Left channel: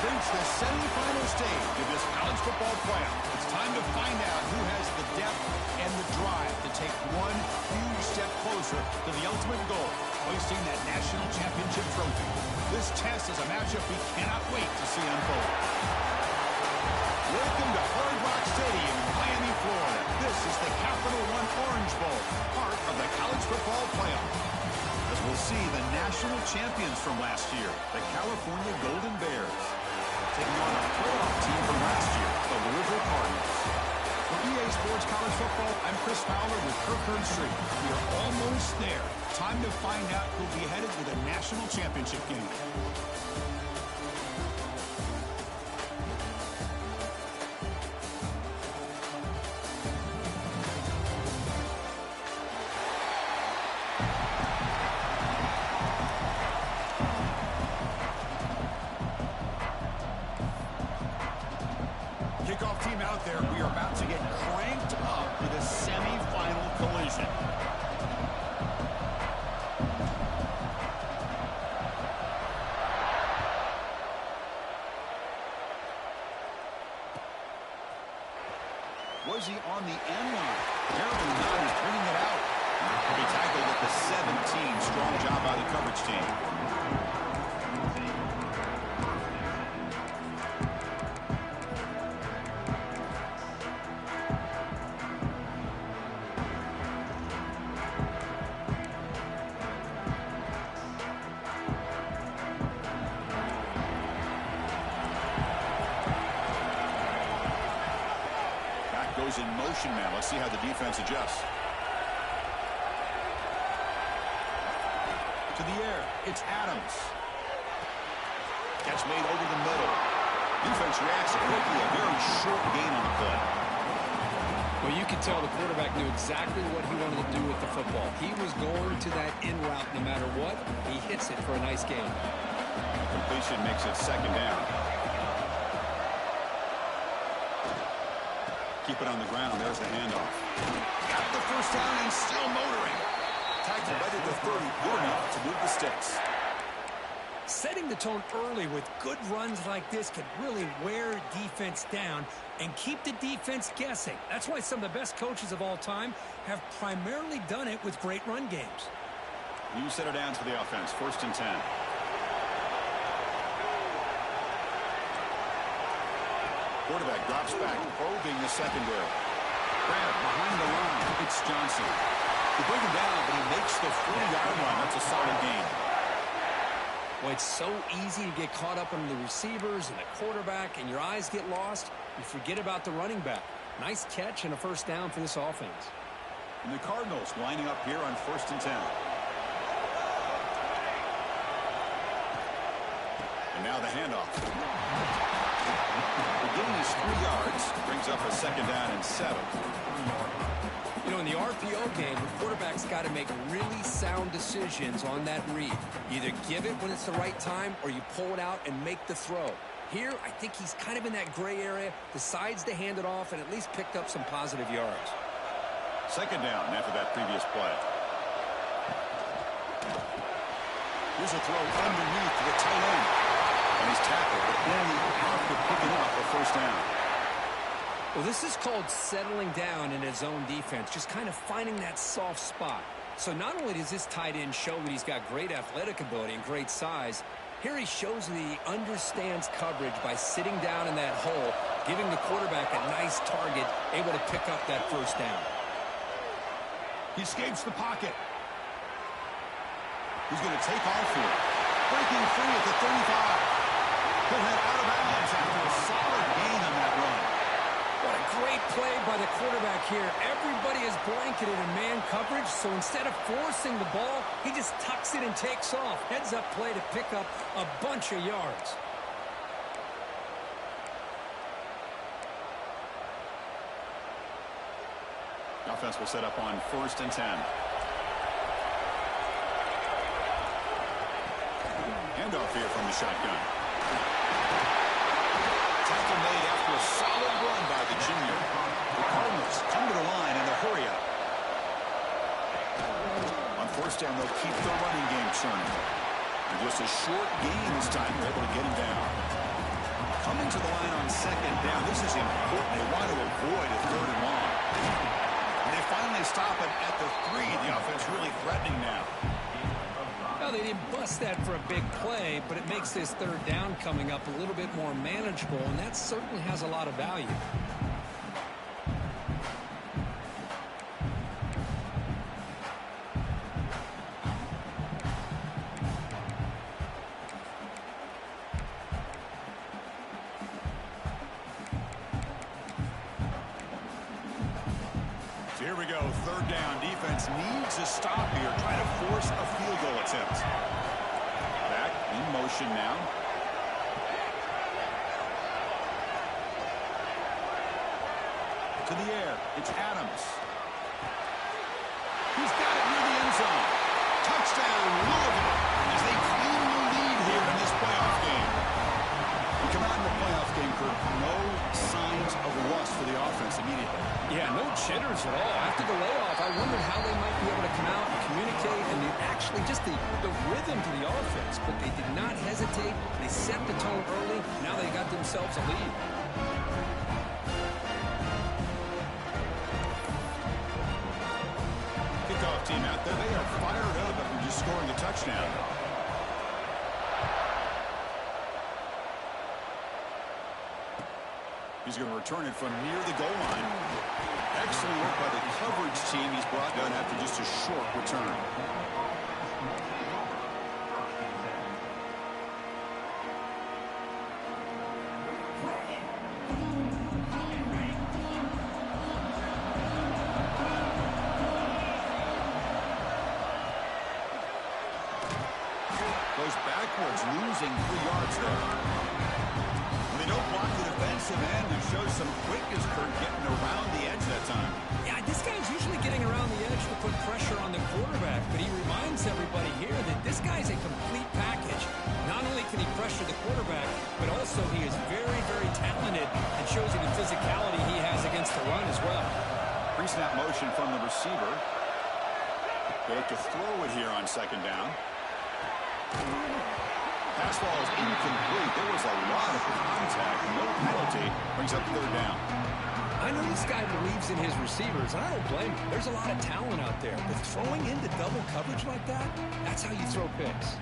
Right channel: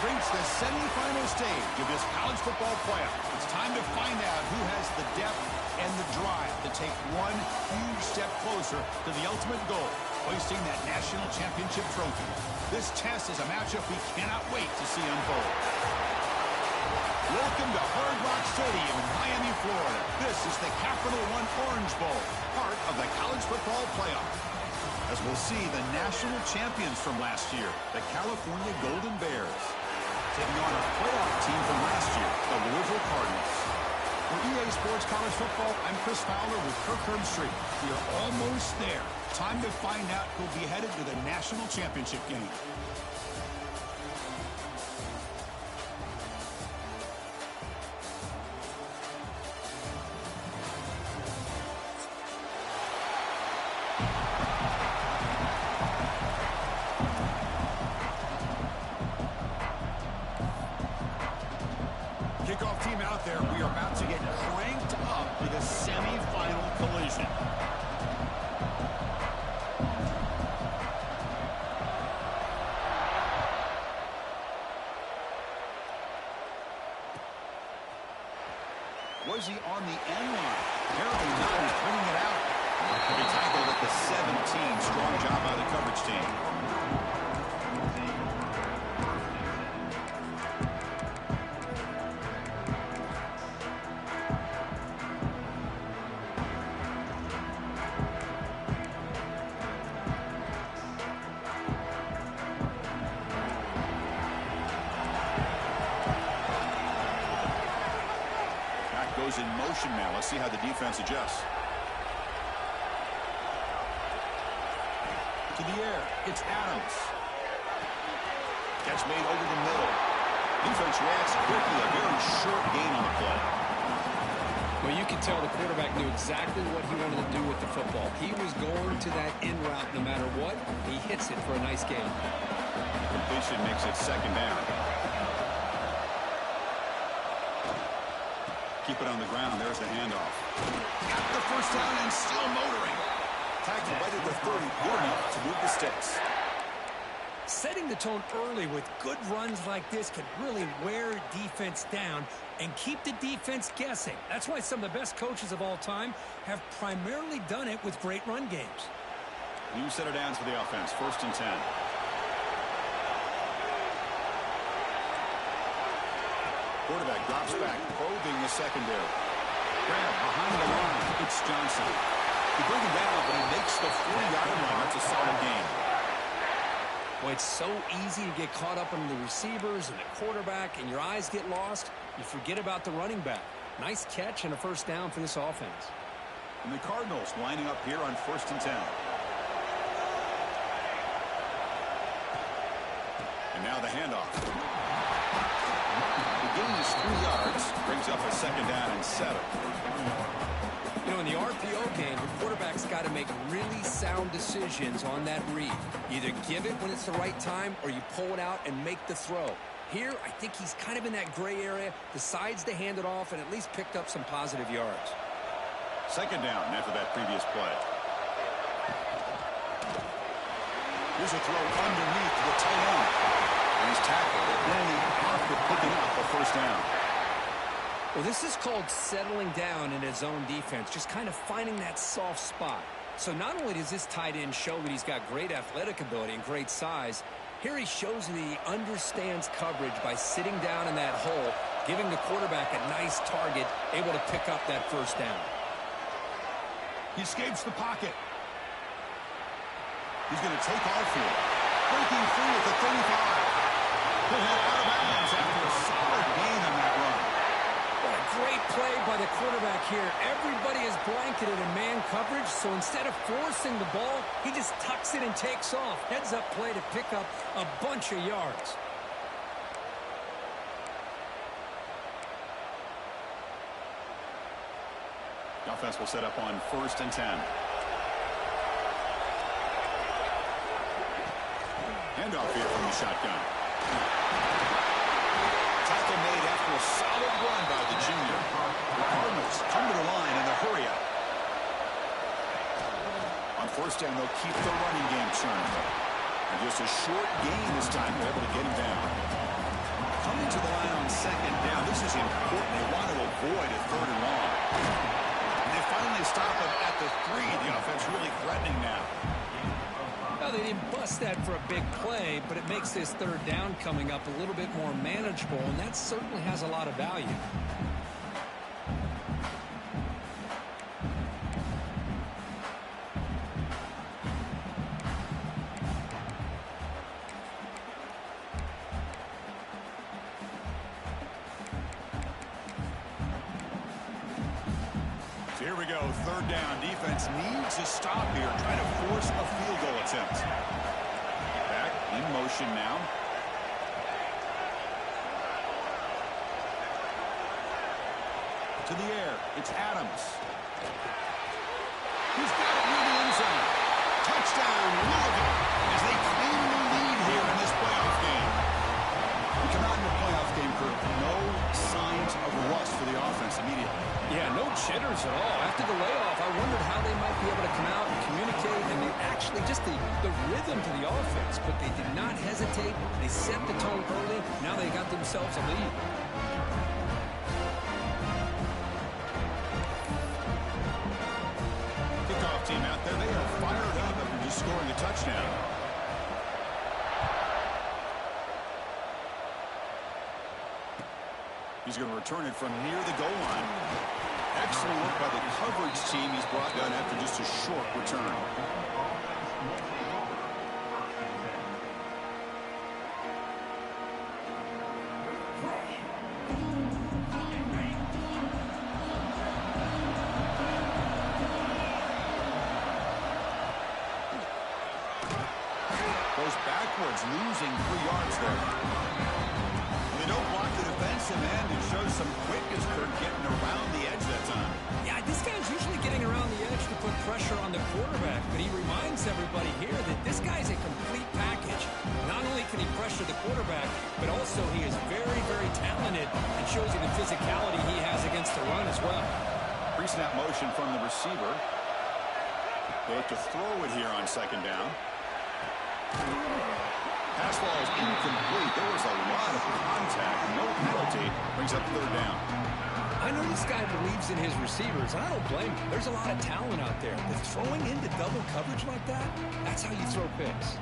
have reached the semifinal stage of this college football playoff. It's time to find out who has the depth and the drive to take one huge step closer to the ultimate goal, hoisting that national championship trophy. This test is a matchup we cannot wait to see unfold. Welcome to Hard Rock Stadium in Miami, Florida. This is the Capital One Orange Bowl, part of the college football playoff. As we'll see the national champions from last year, the California Golden Bears, taking on a playoff team from last year, the Louisville Cardinals. For EA Sports College Football, I'm Chris Fowler with Kirk Herbstreit. We are almost there. Time to find out who'll be headed to the national championship game. Kickoff team out there. We are about to get cranked up with a semifinal collision. Was he on the end line? Apparently not. He's bringing it out. He'll be tackled at the 17. Strong job by the coverage team. Goes in motion now. Let's see how the defense adjusts. To the air. It's Adams. Catch made over the middle. Defense reacts quickly. A very short gain on the play. Well, you can tell the quarterback knew exactly what he wanted to do with the football. He was going to that in route no matter what. He hits it for a nice gain. The completion makes it second down. Keep it on the ground. There's the handoff. Got the first down and still motoring. Tackled right at the 30. Good enough to move the sticks. Setting the tone early with good runs like this can really wear defense down and keep the defense guessing. That's why some of the best coaches of all time have primarily done it with great run games. New set of downs for the offense. 1st and 10. Quarterback drops back, probing the secondary. Grab behind the line. It's Johnson. They bring him down, but he makes the 40-yard line. That's a solid gain. Well, it's so easy to get caught up on the receivers and the quarterback, and your eyes get lost. You forget about the running back. Nice catch and a first down for this offense. And the Cardinals lining up here on 1st and 10. And now the handoff. The gain is 3 yards, brings up a second down and 7. You know, in the RPO game, the quarterback's got to make really sound decisions on that read. Either give it when it's the right time or you pull it out and make the throw. Here, I think he's kind of in that gray area, decides to hand it off and at least picked up some positive yards. Second down after that previous play. Here's a throw underneath to the tight end. And he's tackled, but only after picking up a first down. Well, this is called settling down in his own defense, just kind of finding that soft spot. So not only does this tight end show that he's got great athletic ability and great size, here he shows that he understands coverage by sitting down in that hole, giving the quarterback a nice target, able to pick up that first down. He escapes the pocket. He's going to take off here. Breaking free at the 35. He'll head out of bounds after a solid gain on that run. What a great play by the quarterback here. Everybody is blanketed in man coverage, so instead of forcing the ball, he just tucks it and takes off. Heads up play to pick up a bunch of yards. The offense will set up on 1st and 10. Handoff here from the shotgun. Tackle made after a solid run by the junior. The Cardinals come to the line in the hurry up. On 1st down, they'll keep the running game churning. And just a short gain this time, they're able to get him down. Coming to the line on second down, this is important. They want to avoid a third and long. And they finally stop him at the 3. The offense really threatening now. Well, they didn't bust that for a big play, but it makes this third down coming up a little bit more manageable, and that certainly has a lot of value. Here we go, third down. Defense needs a stop here, trying to force a field goal attempt. Back in motion now. To the air, it's Adams. He's got it near the end zone. Touchdown, Louisville, as they claim the lead here in this playoff game. We come out in the playoff game, Kirk, no signs of rust for the offense immediately. Yeah, no jitters at all. After the layoff, I wondered how they might be able to come out and communicate and actually just the rhythm to the offense. But they did not hesitate. They set the tone early. Now they got themselves a lead. Kickoff team out there. They are fired up after just scoring a touchdown. He's going to return it from near the goal line. Excellent work by the coverage team. He's brought down after just a short return. Goes backwards, losing 3 yards there. They don't block the defensive end. It shows some quickness, Kurt, getting around the edge that time. Yeah, this guy's usually getting around the edge to put pressure on the quarterback, but he reminds everybody here that this guy's a complete package. Not only can he pressure the quarterback, but also he is very, very talented and shows you the physicality he has against the run as well. Pre-snap motion from the receiver. They look to throw it here on second down. Pass ball is incomplete. There was a lot of contact. No penalty. Brings up third down. I know this guy believes in his receivers, and I don't blame him. There's a lot of talent out there. But throwing into double coverage like that, that's how you throw picks.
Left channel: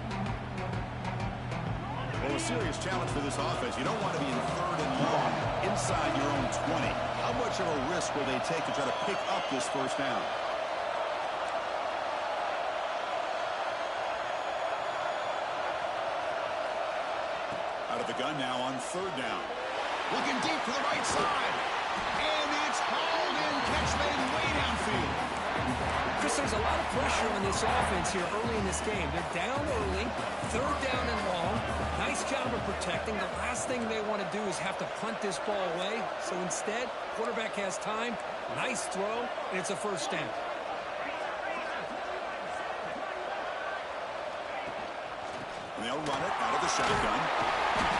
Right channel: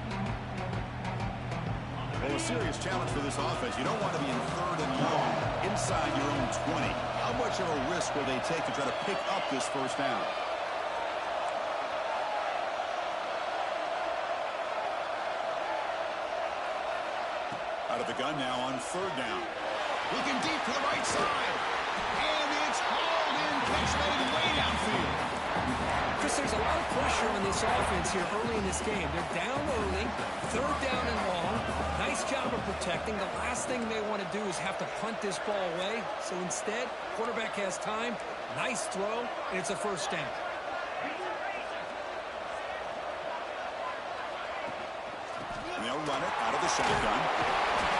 Well, a serious challenge for this offense. You don't want to be in third and long inside your own 20. How much of a risk will they take to try to pick up this first down? Out of the gun now on third down. Looking deep to the right side. And it's hauled in. Catch made way downfield. Chris, there's a lot of pressure on this offense here early in this game. They're down early, third down and long. Nice job of protecting. The last thing they want to do is have to punt this ball away. So instead, quarterback has time. Nice throw, and it's a first down. And they'll run it out of the shotgun.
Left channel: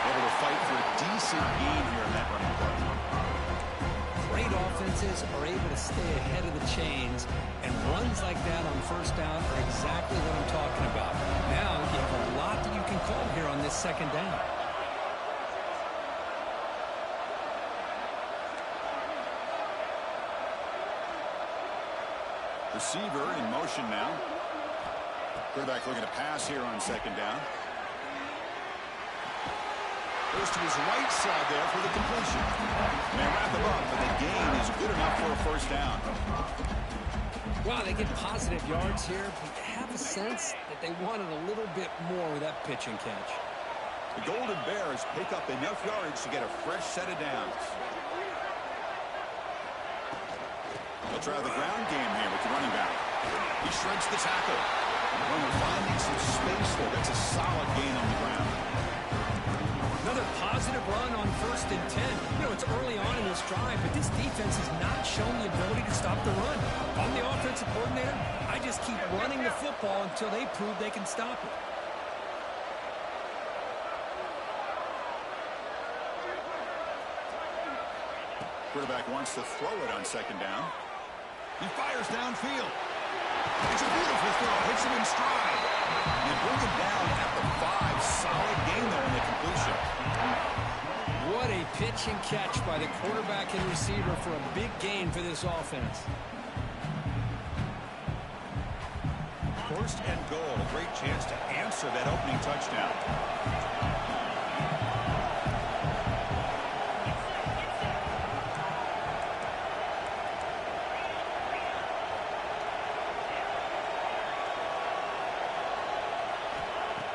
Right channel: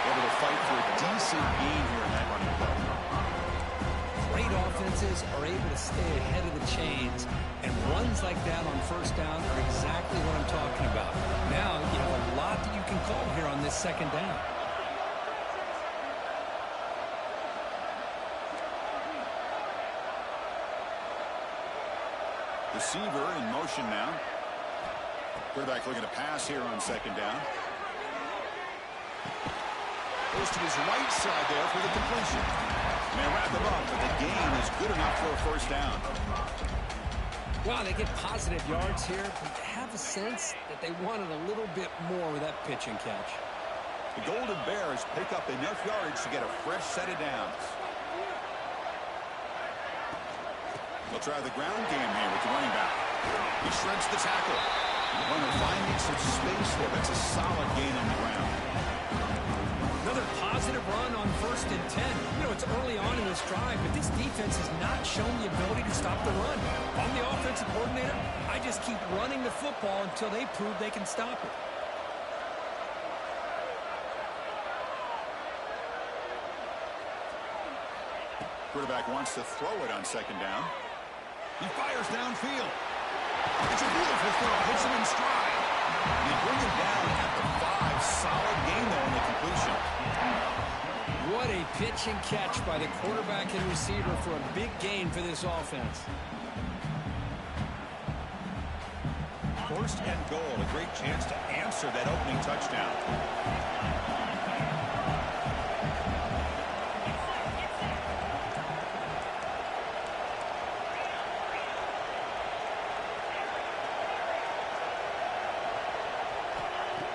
Able to fight for a decent gain here in that running play. Great offenses are able to stay ahead of the chains, and runs like that on first down are exactly what I'm talking about. Now you have a lot that you can call here on this second down. Receiver in motion now. Quarterback looking to pass here on second down. Goes to his right side there for the completion. May wrap him up, but the gain is good enough for a first down. Wow, they get positive yards here, but you have a sense that they wanted a little bit more with that pitch and catch. The Golden Bears pick up enough yardage to get a fresh set of downs. They'll try the ground game here with the running back. He shreds the tackle. Runner finding some space there. That's a solid gain on the ground. Another positive run on 1st and 10. You know, it's early on in this drive, but this defense has not shown the ability to stop the run. If I'm the offensive coordinator, I just keep running the football until they prove they can stop it. Quarterback wants to throw it on second down. He fires downfield. It's a beautiful throw. Hits him in stride. You bring him down at the 5. Solid gain, though, in the completion. What a pitch and catch by the quarterback and receiver for a big gain for this offense. First and goal, a great chance to answer that opening touchdown.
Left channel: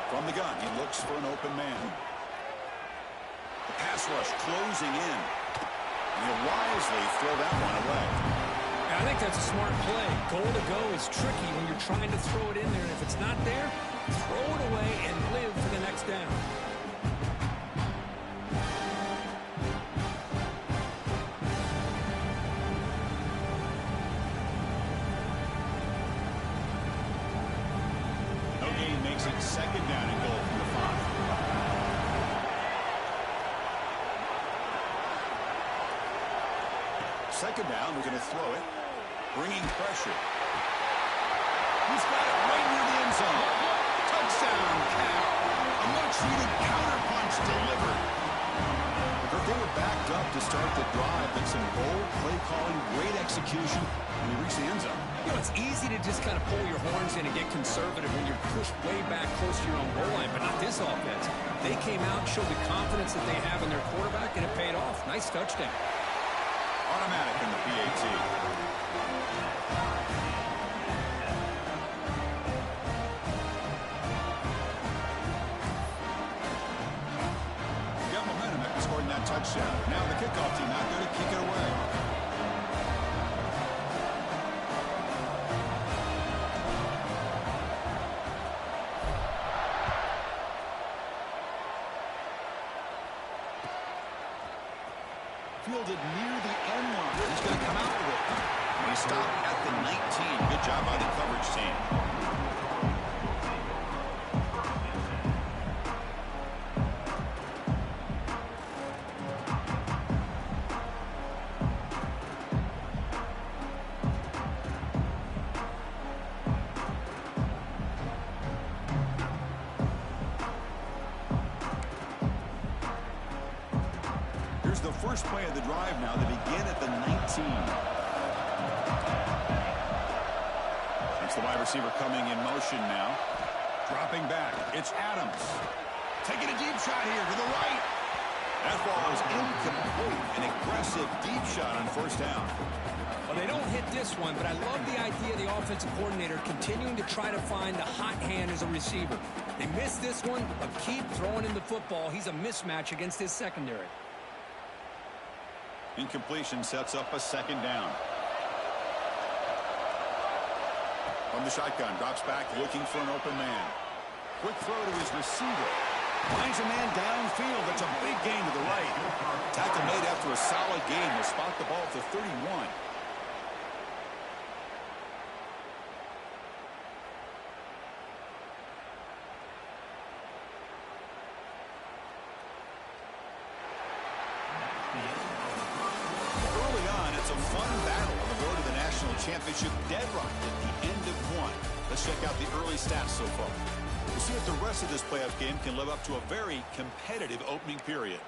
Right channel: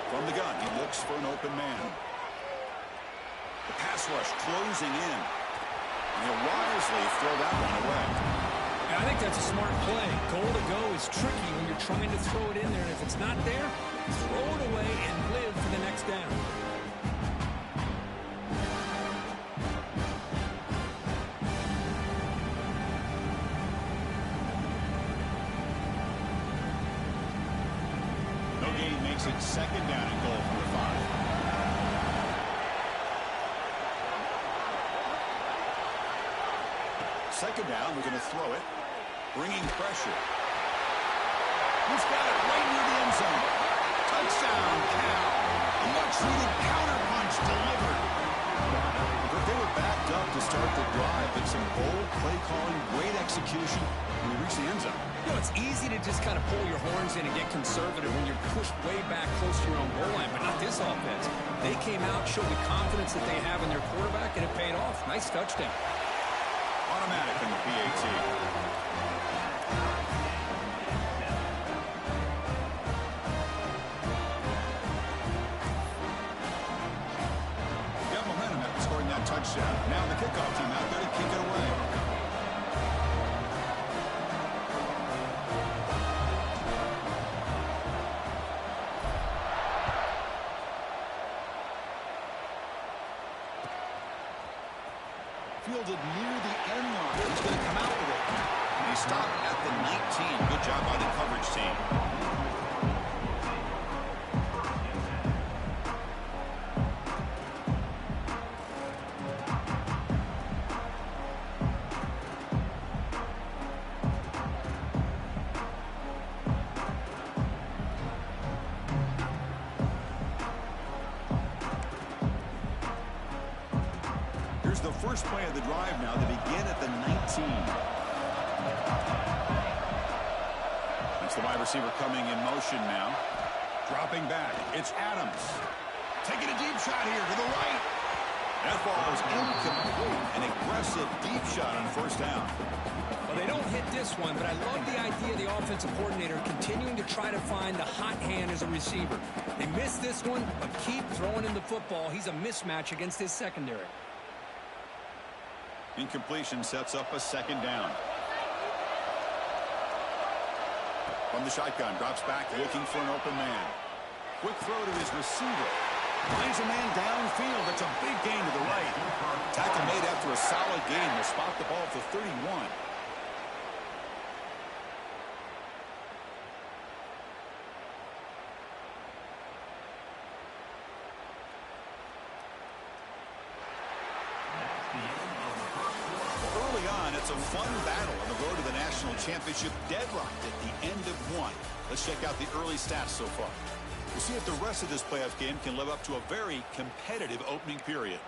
From the gun, he looks for an open man. The pass rush closing in. And he'll wisely throw that one away. I think that's a smart play. Goal to go is tricky when you're trying to throw it in there, and if it's not there, throw it away and live for the next down. No gain makes it second down and goal from the 5. Second down, we're going to throw it. Bringing pressure. He's got it right near the end zone. Touchdown, Cal. A much-needed counterpunch delivered. They were backed up to start the drive, but some bold play calling, great execution, and we reached the end zone. You know, it's easy to just kind of pull your horns in and get conservative when you're pushed way back close to your own goal line, but not this offense. They came out, showed the confidence that they have in their quarterback, and it paid off. Nice touchdown. Automatic in the PAT. Got momentum after scoring that touchdown. Now the kickoff team out there to kick it away. Fielded near the end line. He's going to come out with it. And he stopped at the 19. Good job by the coverage team. The first play of the drive now. They begin at the 19. That's the wide receiver coming in motion now. Dropping back. It's Adams. Taking a deep shot here to the right. That ball is incomplete. An aggressive deep shot on first down. Well, they don't hit this one, but I love the idea of the offensive coordinator continuing to try to find the hot hand as a receiver. They missed this one, but keep throwing him the football. He's a mismatch against his secondary. Incompletion sets up a second down. From the shotgun, drops back looking for an open man. Quick throw to his receiver. Finds a man downfield. That's a big gain to the right. Tackle made after a solid gain. They'll spot the ball at the 31. Early on, it's a fun battle on the road to the national championship, deadlocked at the end of one. Let's check out the early stats so far. We'll see if the rest of this playoff game can live up to a very competitive opening period.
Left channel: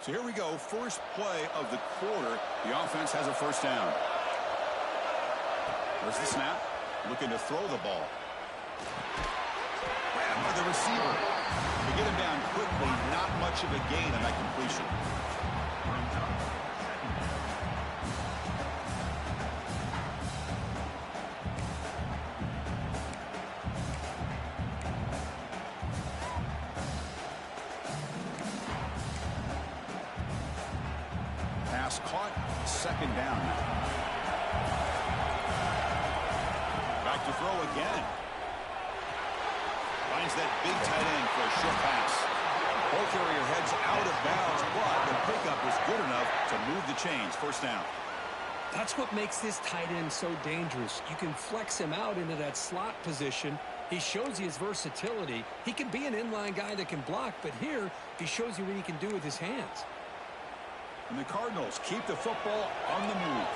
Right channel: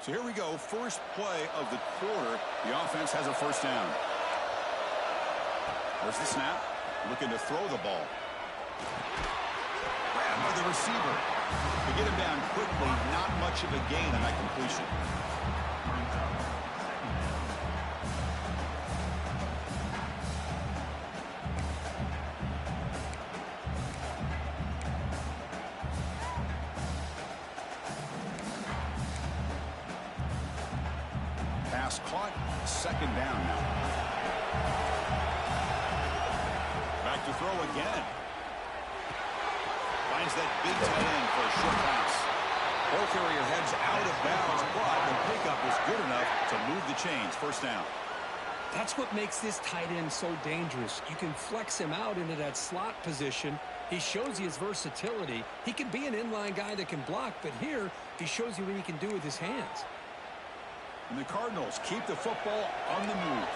So here we go, first play of the quarter. The offense has a first down. There's the snap, looking to throw the ball. Grabbed by the receiver. To get him down quickly, not much of a gain on that completion. Pass caught, second down now. Back to throw again. Finds that big tight end for a short pass. Ball carrier heads out of bounds, but the pickup is good enough to move the chains. First down. That's what makes this tight end so dangerous. You can flex him out into that slot position. He shows you his versatility. He can be an inline guy that can block, but here he shows you what he can do with his hands. And the Cardinals keep the football on the move.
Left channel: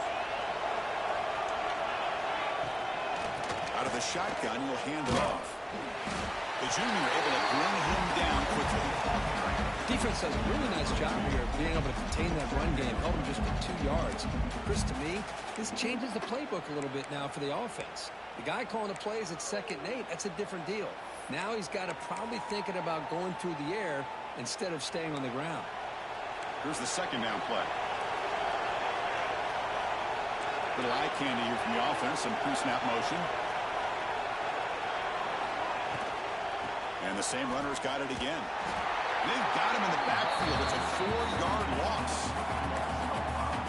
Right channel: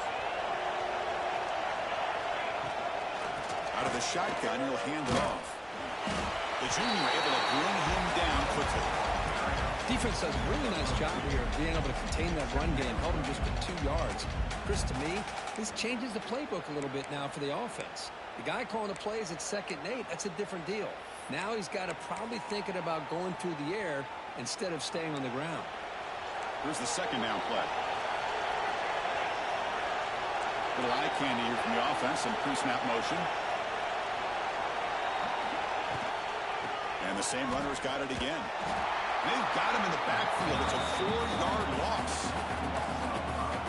Out of the shotgun, he'll hand it off. The junior able to bring him down quickly. Defense does a really nice job here of being able to contain that run game. Held him just for 2 yards. Chris, to me, this changes the playbook a little bit now for the offense. The guy calling the plays at 2nd and 8, that's a different deal. Now he's got to probably thinking about going through the air instead of staying on the ground. Here's the 2nd down play. Little eye candy here from the offense. Some pre-snap motion. And the same runner's got it again. And they've got him in the backfield. It's a 4-yard loss.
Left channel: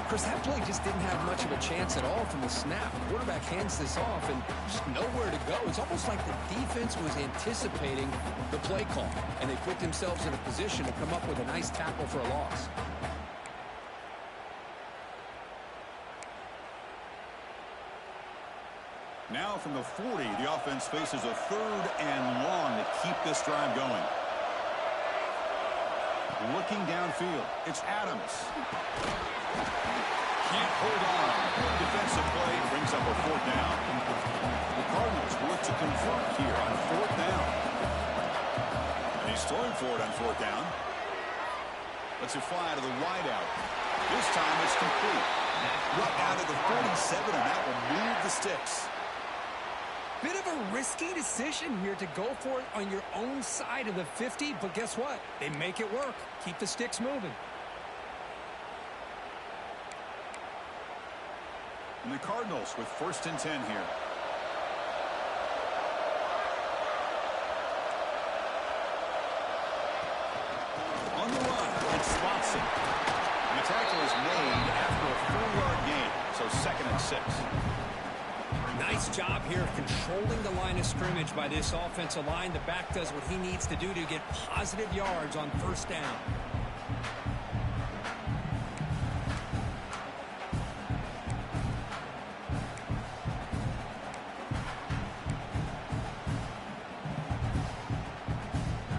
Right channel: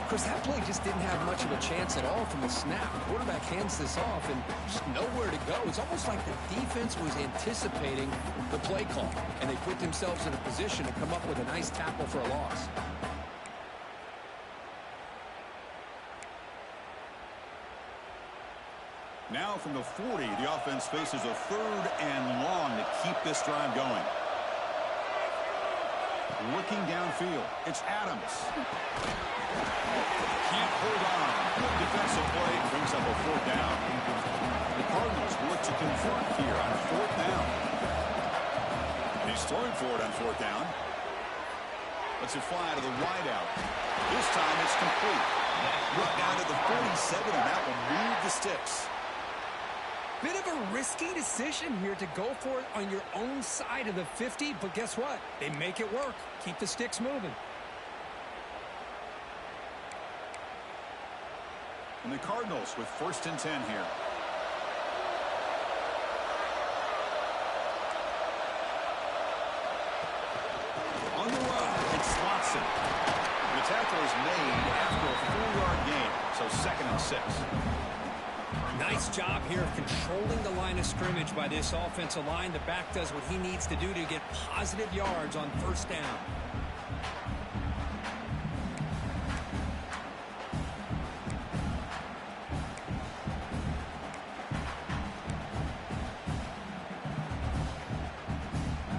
Chris, that play just didn't have much of a chance at all from the snap. Quarterback hands this off and just nowhere to go. It's almost like the defense was anticipating the play call, and they put themselves in a position to come up with a nice tackle for a loss. Now from the 40, the offense faces a 3rd and long to keep this drive going. Looking downfield, it's Adams. Can't hold on. Good defensive play brings up a 4th down. The Cardinals look to convert here on 4th down. And he's throwing for it on 4th down. Lets it fly to the wideout. This time it's complete. Right down to the 47, and that will move the sticks. Bit of a risky decision here to go for it on your own side of the 50, but guess what? They make it work. Keep the sticks moving. And the Cardinals with 1st and 10 here. On the run, it's Watson. And the tackle is made after a 4-yard gain, so 2nd and 6. Nice job here of controlling the line of scrimmage by this offensive line. The back does what he needs to do to get positive yards on 1st down.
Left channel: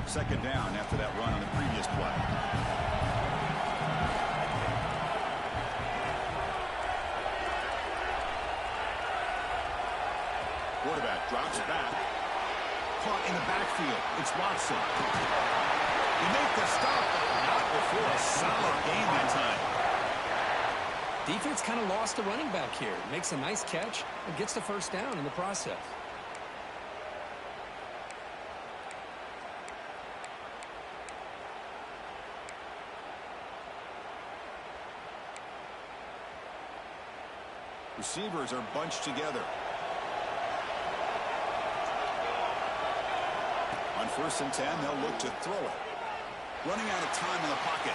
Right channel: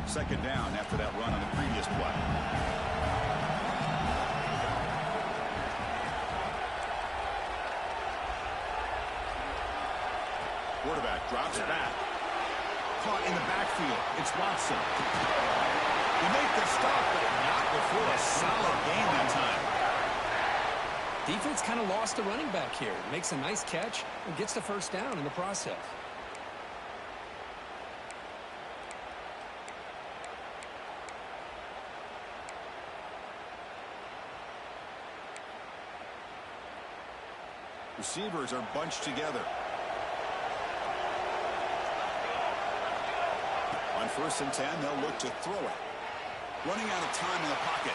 Second down after that run on the previous play. Quarterback drops back. Caught in the backfield. It's Watson. They make the stop, but not before a solid gain that time. Defense kind of lost the running back here. Makes a nice catch and gets the 1st down in the process. Receivers are bunched together. On 1st and 10, they'll look to throw it. Running out of time in the pocket.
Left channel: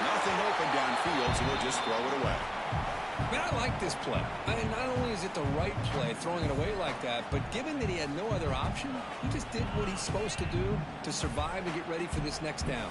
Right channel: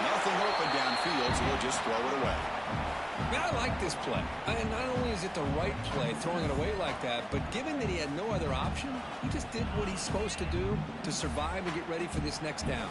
Nothing open downfield, so they'll just throw it away. Man, I like this play. And not only is it the right play, throwing it away like that, but given that he had no other option, he just did what he's supposed to do to survive and get ready for this next down.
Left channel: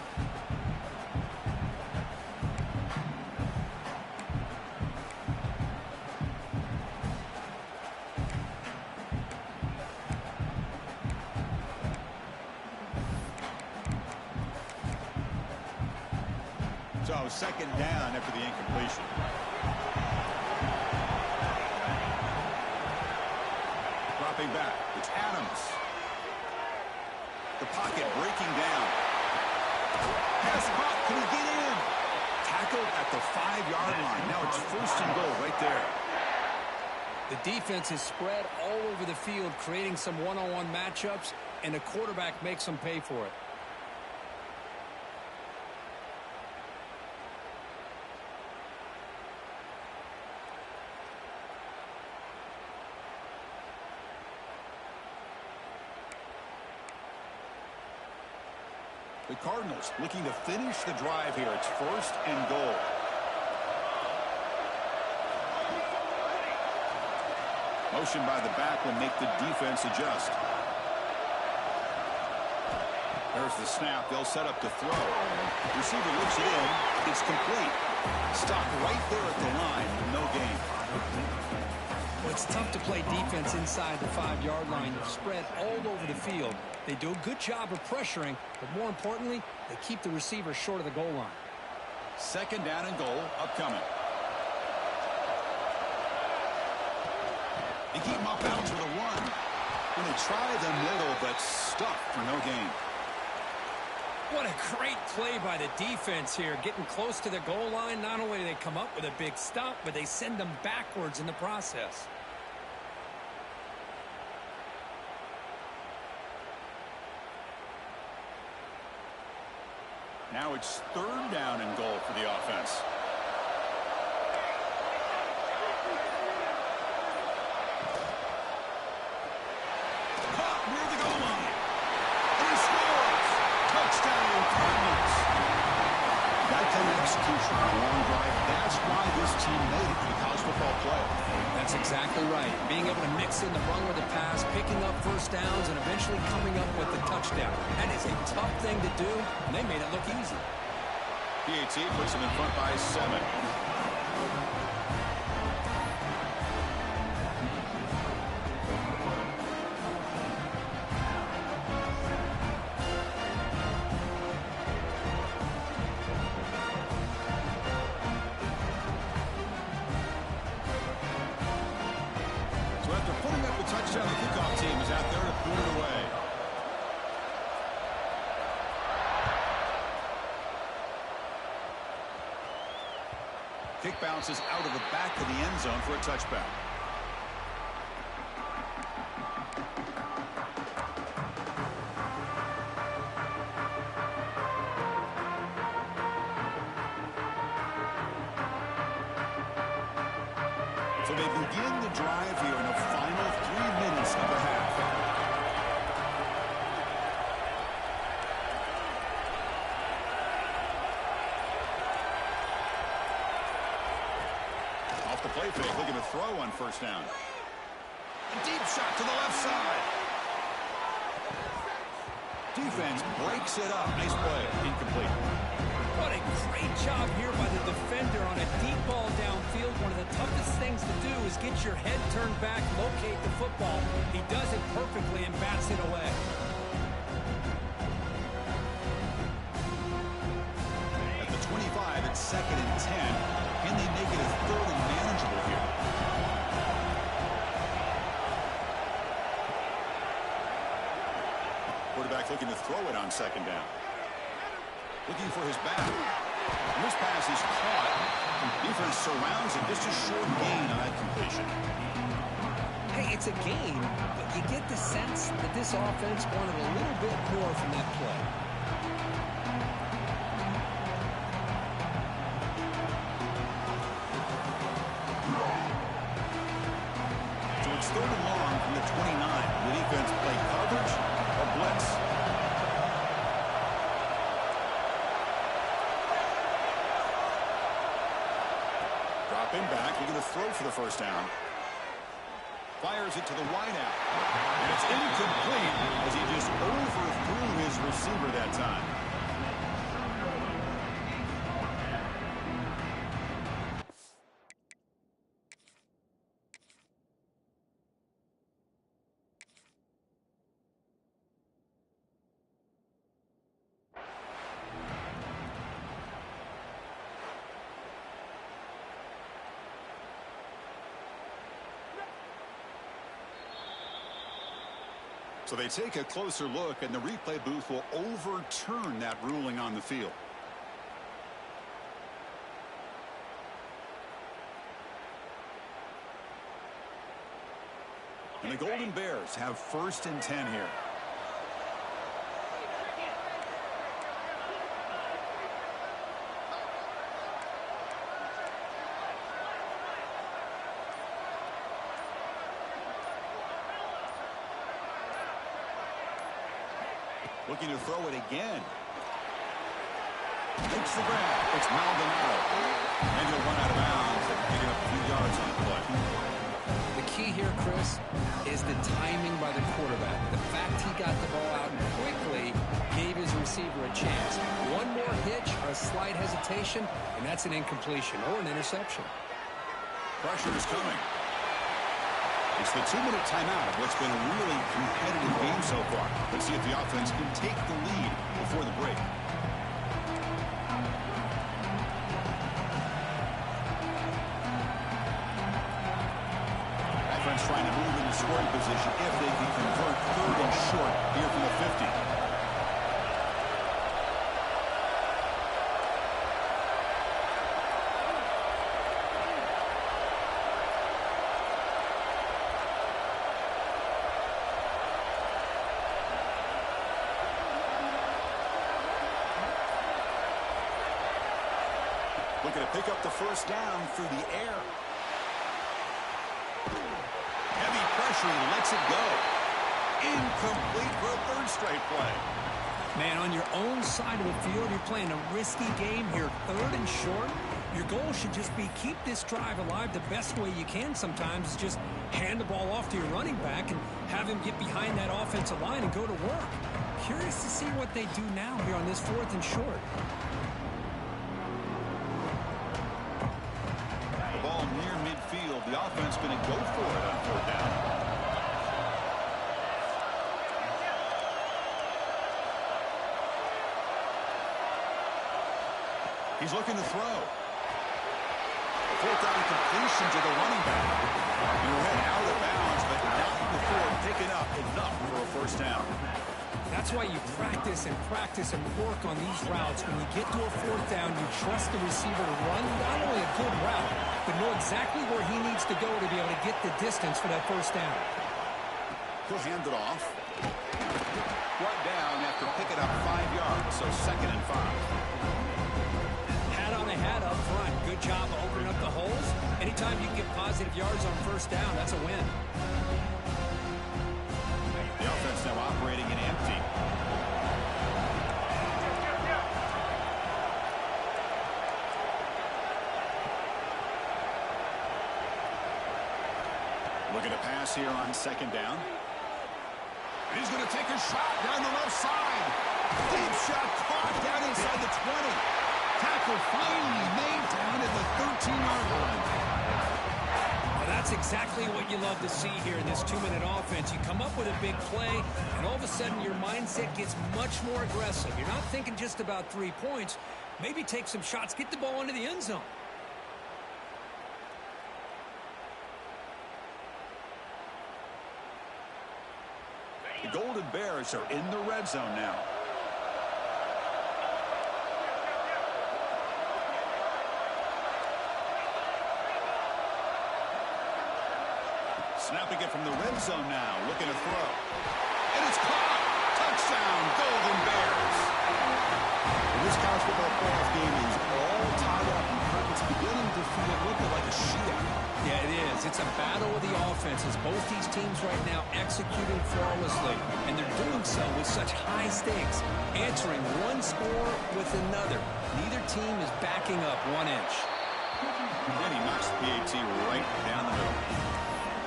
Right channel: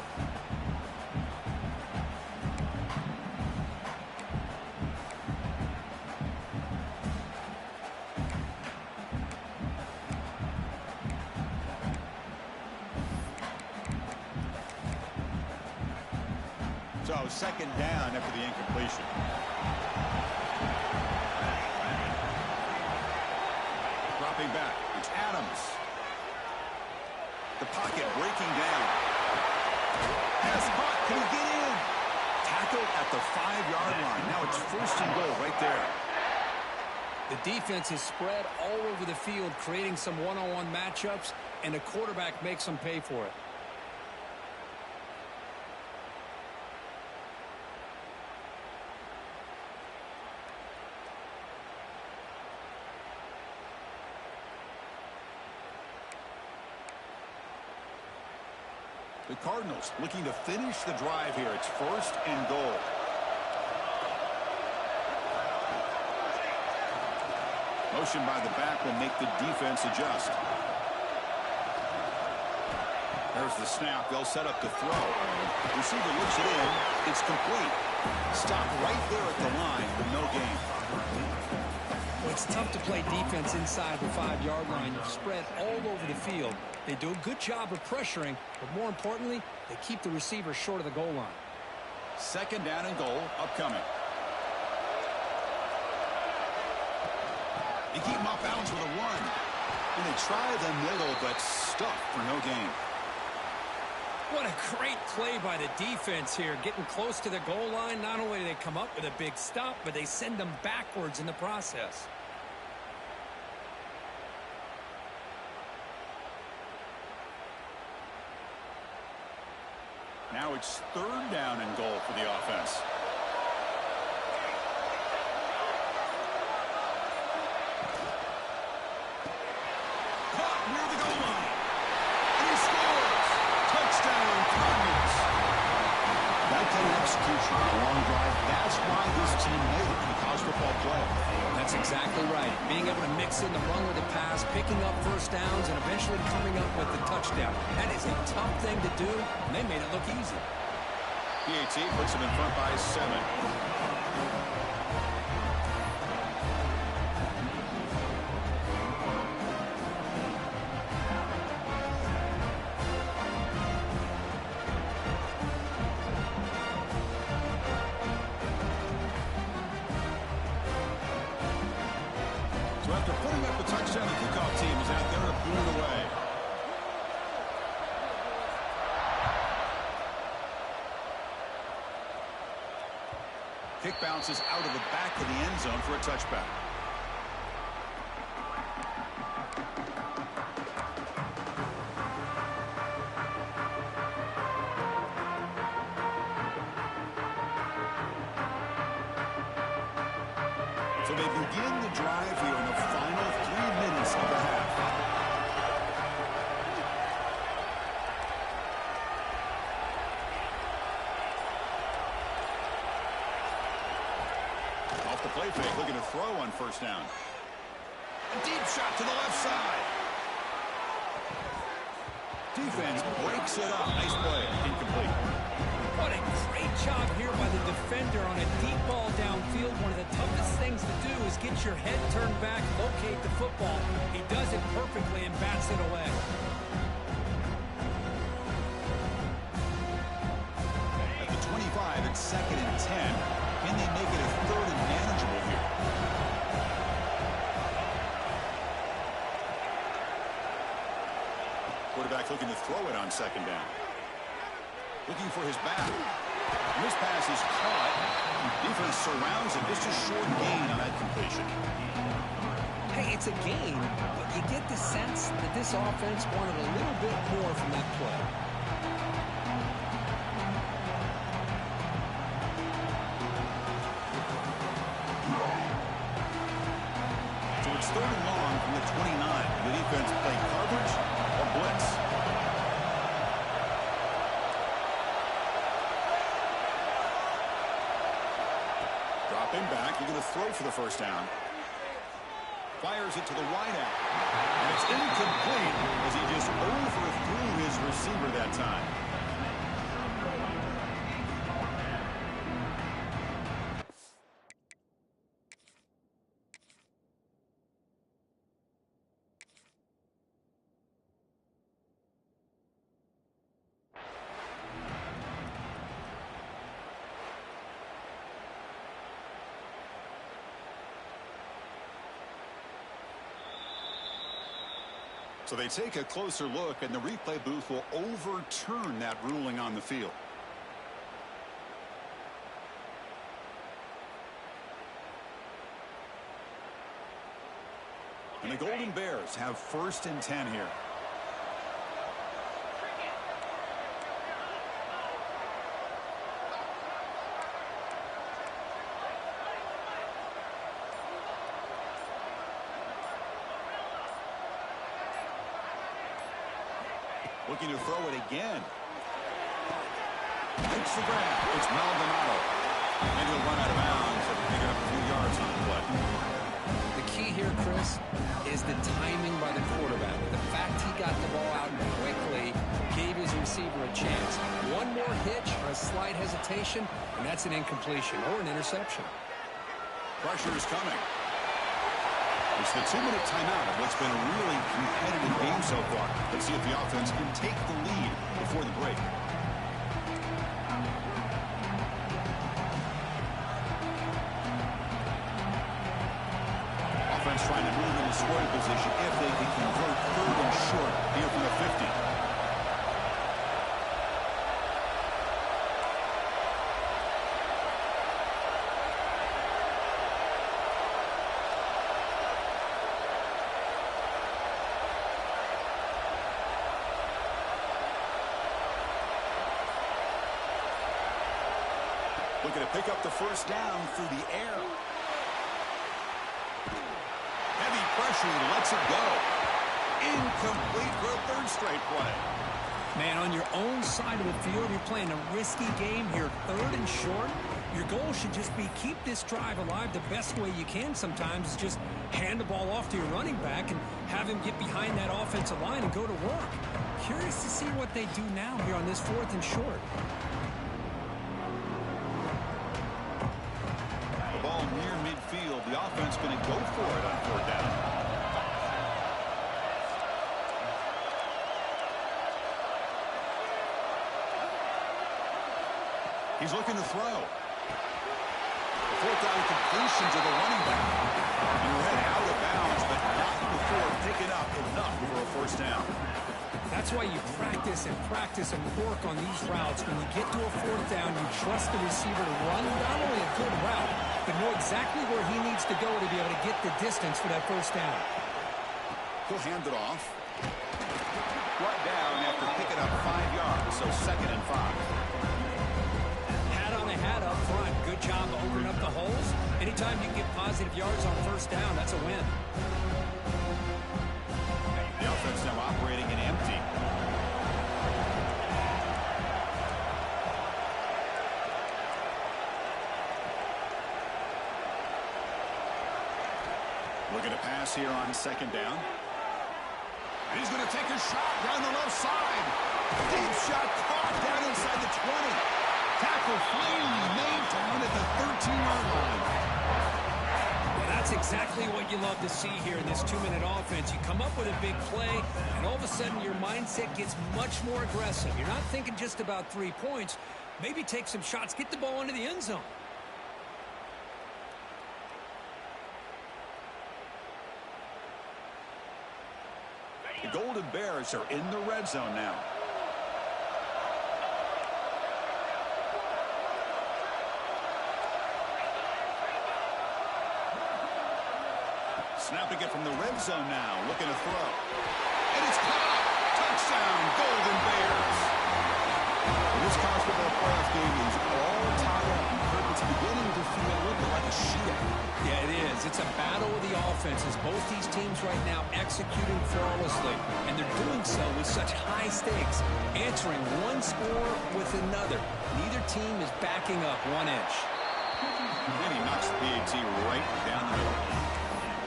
So 2nd down after the incompletion. Dropping back, it's Adams. The pocket breaking down. Pass caught, can he get in? Tackled at the 5-yard line. Now it's 1st and goal right there. The defense is spread all over the field, creating some one-on-one matchups, and the quarterback makes them pay for it. The Cardinals looking to finish the drive here. It's 1st and goal. Motion by the back will make the defense adjust. There's the snap. They'll set up to throw. Receiver looks it in. It's complete. Stop right there at the line with no gain. Well, it's tough to play defense inside the 5-yard line. You're spread all over the field. They do a good job of pressuring, but more importantly, they keep the receiver short of the goal line. Second down and goal upcoming. They keep him off balance with a run. And they try the middle, but stuffed for no gain. What a great play by the defense here. Getting close to the goal line, not only do they come up with a big stop, but they send them backwards in the process. Now it's third down and goal for the offense. Caught near the goal line. And he scores. Touchdown, Cardinals. That kind of execution on a long drive, that's why this team made it to the college football playoff. That's exactly right. Being able to mix in the run with the pass, picking up first downs, and eventually coming up with the touchdown. That is a tough thing to do, and they made it look easy. PAT puts them in front by 7. So after putting up the touchdown, the kickoff team is out there to boot it away. Kick bounces out of the back of the end zone for a touchback. So they begin the drive here in the final 3 minutes of the half. Off the play fake, looking to throw on first down. A deep shot to the left side. Defense breaks it up. Nice play. Incomplete. What a great job here by the defender on a deep ball downfield. One of the toughest things to do is get your head turned back, locate the football. He does it perfectly and bats it away. At the 25, it's 2nd and 10. Can they make it a 3rd and manageable here? Quarterback looking to throw it on 2nd down. Looking for his back. And this pass is caught. Defense surrounds it. Just a short gain on that completion. Hey, it's a gain, but you get the sense that this offense wanted a little bit more from that play. So it's 3rd and long from the 29. The defense play coverage or blitz. Dropping back, looking to throw for the first down. Fires it to the wideout. And it's incomplete as he just overthrew his receiver that time. So they take a closer look, and the replay booth will overturn that ruling on the field. And the Golden Bears have 1st and 10 here. Looking to throw it again. Makes the grab. It's Maldonado. And he'll run out of bounds and picking up a few yards on the play. The key here, Chris, is the timing by the quarterback. The fact he got the ball out quickly gave his receiver a chance. One more hitch or a slight hesitation, and that's an incompletion or an interception. Pressure is coming. It's the 2-minute timeout of what's been a really competitive game so far. Let's see if the offense can take the lead before the break. Offense trying to move into scoring position if they can convert 3rd and short here from the 50. Looking to pick up the first down through the air. Heavy pressure, he lets it go. Incomplete for a 3rd straight play. Man, on your own side of the field, you're playing a risky game here, 3rd and short. Your goal should just be keep this drive alive the best way you can sometimes is just hand the ball off to your running back and have him get behind that offensive line and go to work. Curious to see what they do now here on this 4th and short. Ball near midfield. The offense going to go for it on 4th down. He's looking to throw. A 4th down completion to the running back. You're head out of bounds, but not before picking up enough for a 1st down. That's why you practice and work on these routes. When you get to a 4th down, you trust the receiver to run not only a good route, but know exactly where he needs to go to be able to get the distance for that 1st down. He'll hand it off. Brought down after picking up 5 yards, so 2nd and 5. Hat on a hat up front. Good job opening up the holes. Anytime you can get positive yards on 1st down, that's a win. The offense now operating in empty. Looking to pass here on 2nd down. And he's going to take a shot down the left side. Deep shot caught down inside the 20. Tackle finally made down at the 13-yard line. Well, that's exactly what you love to see here in this 2-minute offense. You come up with a big play, and all of a sudden your mindset gets much more aggressive. You're not thinking just about 3 points. Maybe take some shots, get the ball into the end zone. The Golden Bears are in the red zone now. Snapping it from the red zone now, looking to throw. And it's caught! Touchdown, Golden Bears! This college football playoff game is all tied up. It's beginning to feel a little bit like a shootout. Yeah, it is. It's a battle of the offenses. Both these teams right now executing flawlessly, and they're doing so with such high stakes, answering one score with another. Neither team is backing up 1 inch. And he knocks the PAT right down the middle.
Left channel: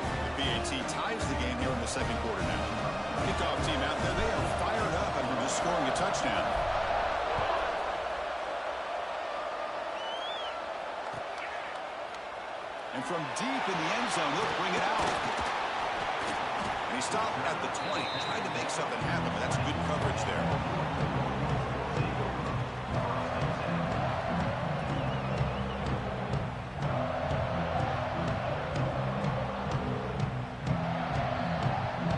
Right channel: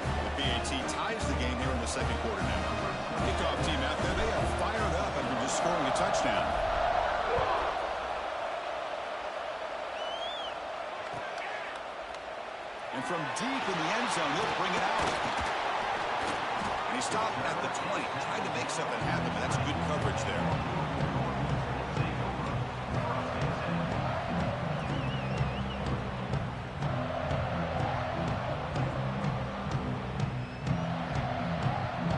The PAT ties the game here in the 2nd quarter now. Kickoff team out there, they are fired up after just scoring a touchdown. And from deep in the end zone, he'll bring it out. And he stopped at the 20, tried to make something happen, but that's good coverage there.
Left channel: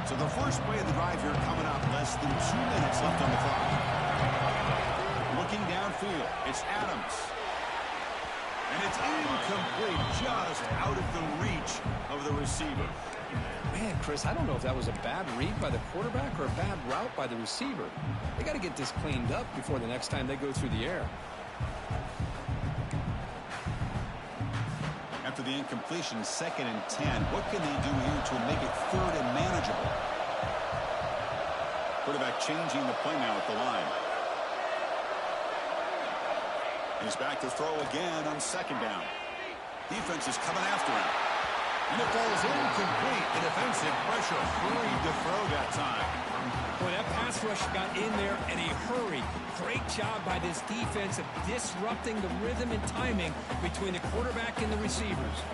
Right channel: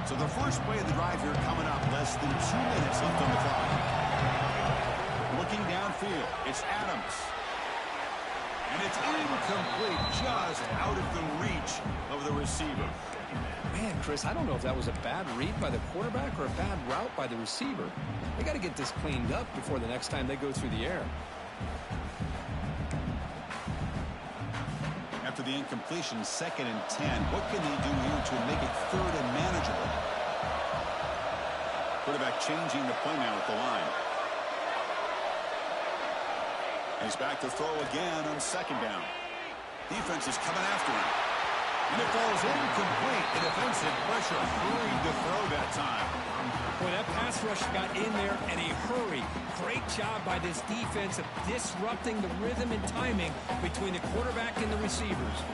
So the first play of the drive here coming up, less than 2 minutes left on the clock. Looking downfield, it's Adams. And it's incomplete, just out of the reach of the receiver. Man, Chris, I don't know if that was a bad read by the quarterback or a bad route by the receiver. They got to get this cleaned up before the next time they go through the air. After the incompletion, 2nd and 10. What can they do here to make it 3rd and manageable? Quarterback changing the play now at the line. He's back to throw again on 2nd down. Defense is coming after him. And it falls incomplete. The defensive pressure hurried to throw that time. Boy, that pass rush got in there in a hurry. Great job by this defense of disrupting the rhythm and timing between the quarterback and the receivers.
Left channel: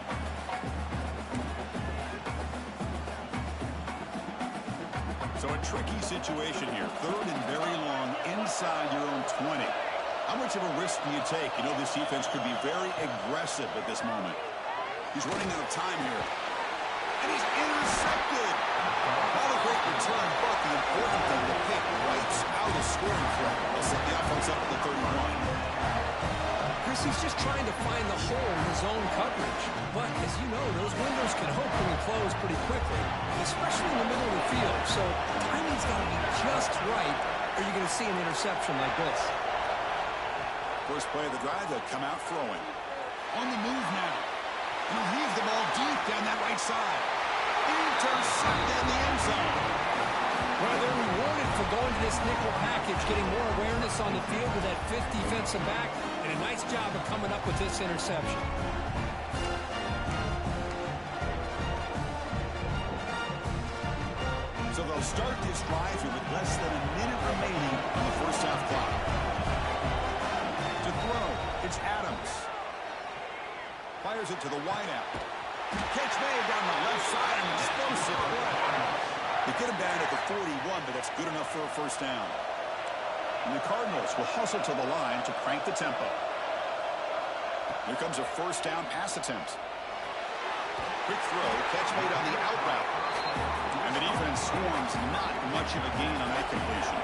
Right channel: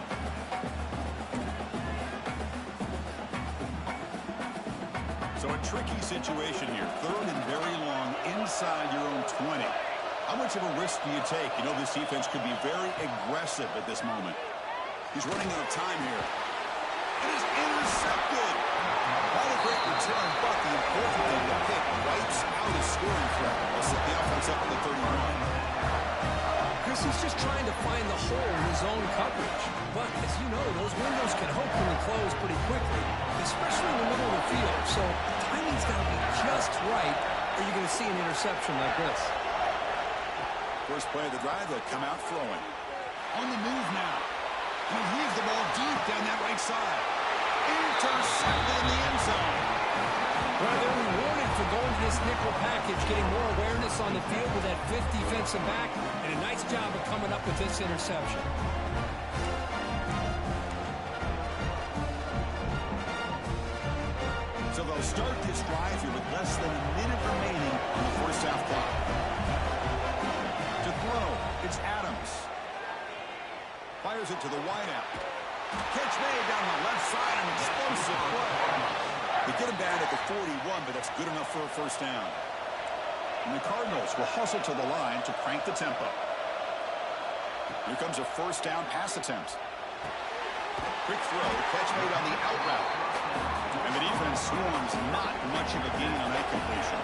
So a tricky situation here. 3rd and very long inside your own 20. How much of a risk do you take? You know this defense could be very aggressive at this moment. He's running out of time here. and he's intercepted. Not a great return, but the important thing, the pick wipes out a scoring threat. They'll set the offense up at the 31. Chris, he's just trying to find the hole in his own coverage. But, as you know, those windows can open and close pretty quickly, especially in the middle of the field. So the timing's got to be just right, or you're going to see an interception like this. First play of the drive, they'll come out throwing. On the move now. And he'll heave the ball deep down that right side. Intercepted in the end zone. Well, they're rewarded for going to this nickel package, getting more awareness on the field with that fifth defensive back, and a nice job of coming up with this interception. So they'll start this drive here with less than a minute remaining on the first half clock. To throw, it's Adams. Fires it to the wideout. Catch made down the left side, an explosive play. They get him down at the 41, but that's good enough for a first down. And the Cardinals will hustle to the line to crank the tempo. Here comes a first down pass attempt. Quick throw, catch made on the out route. And the defense swarms, not much of a gain on that completion.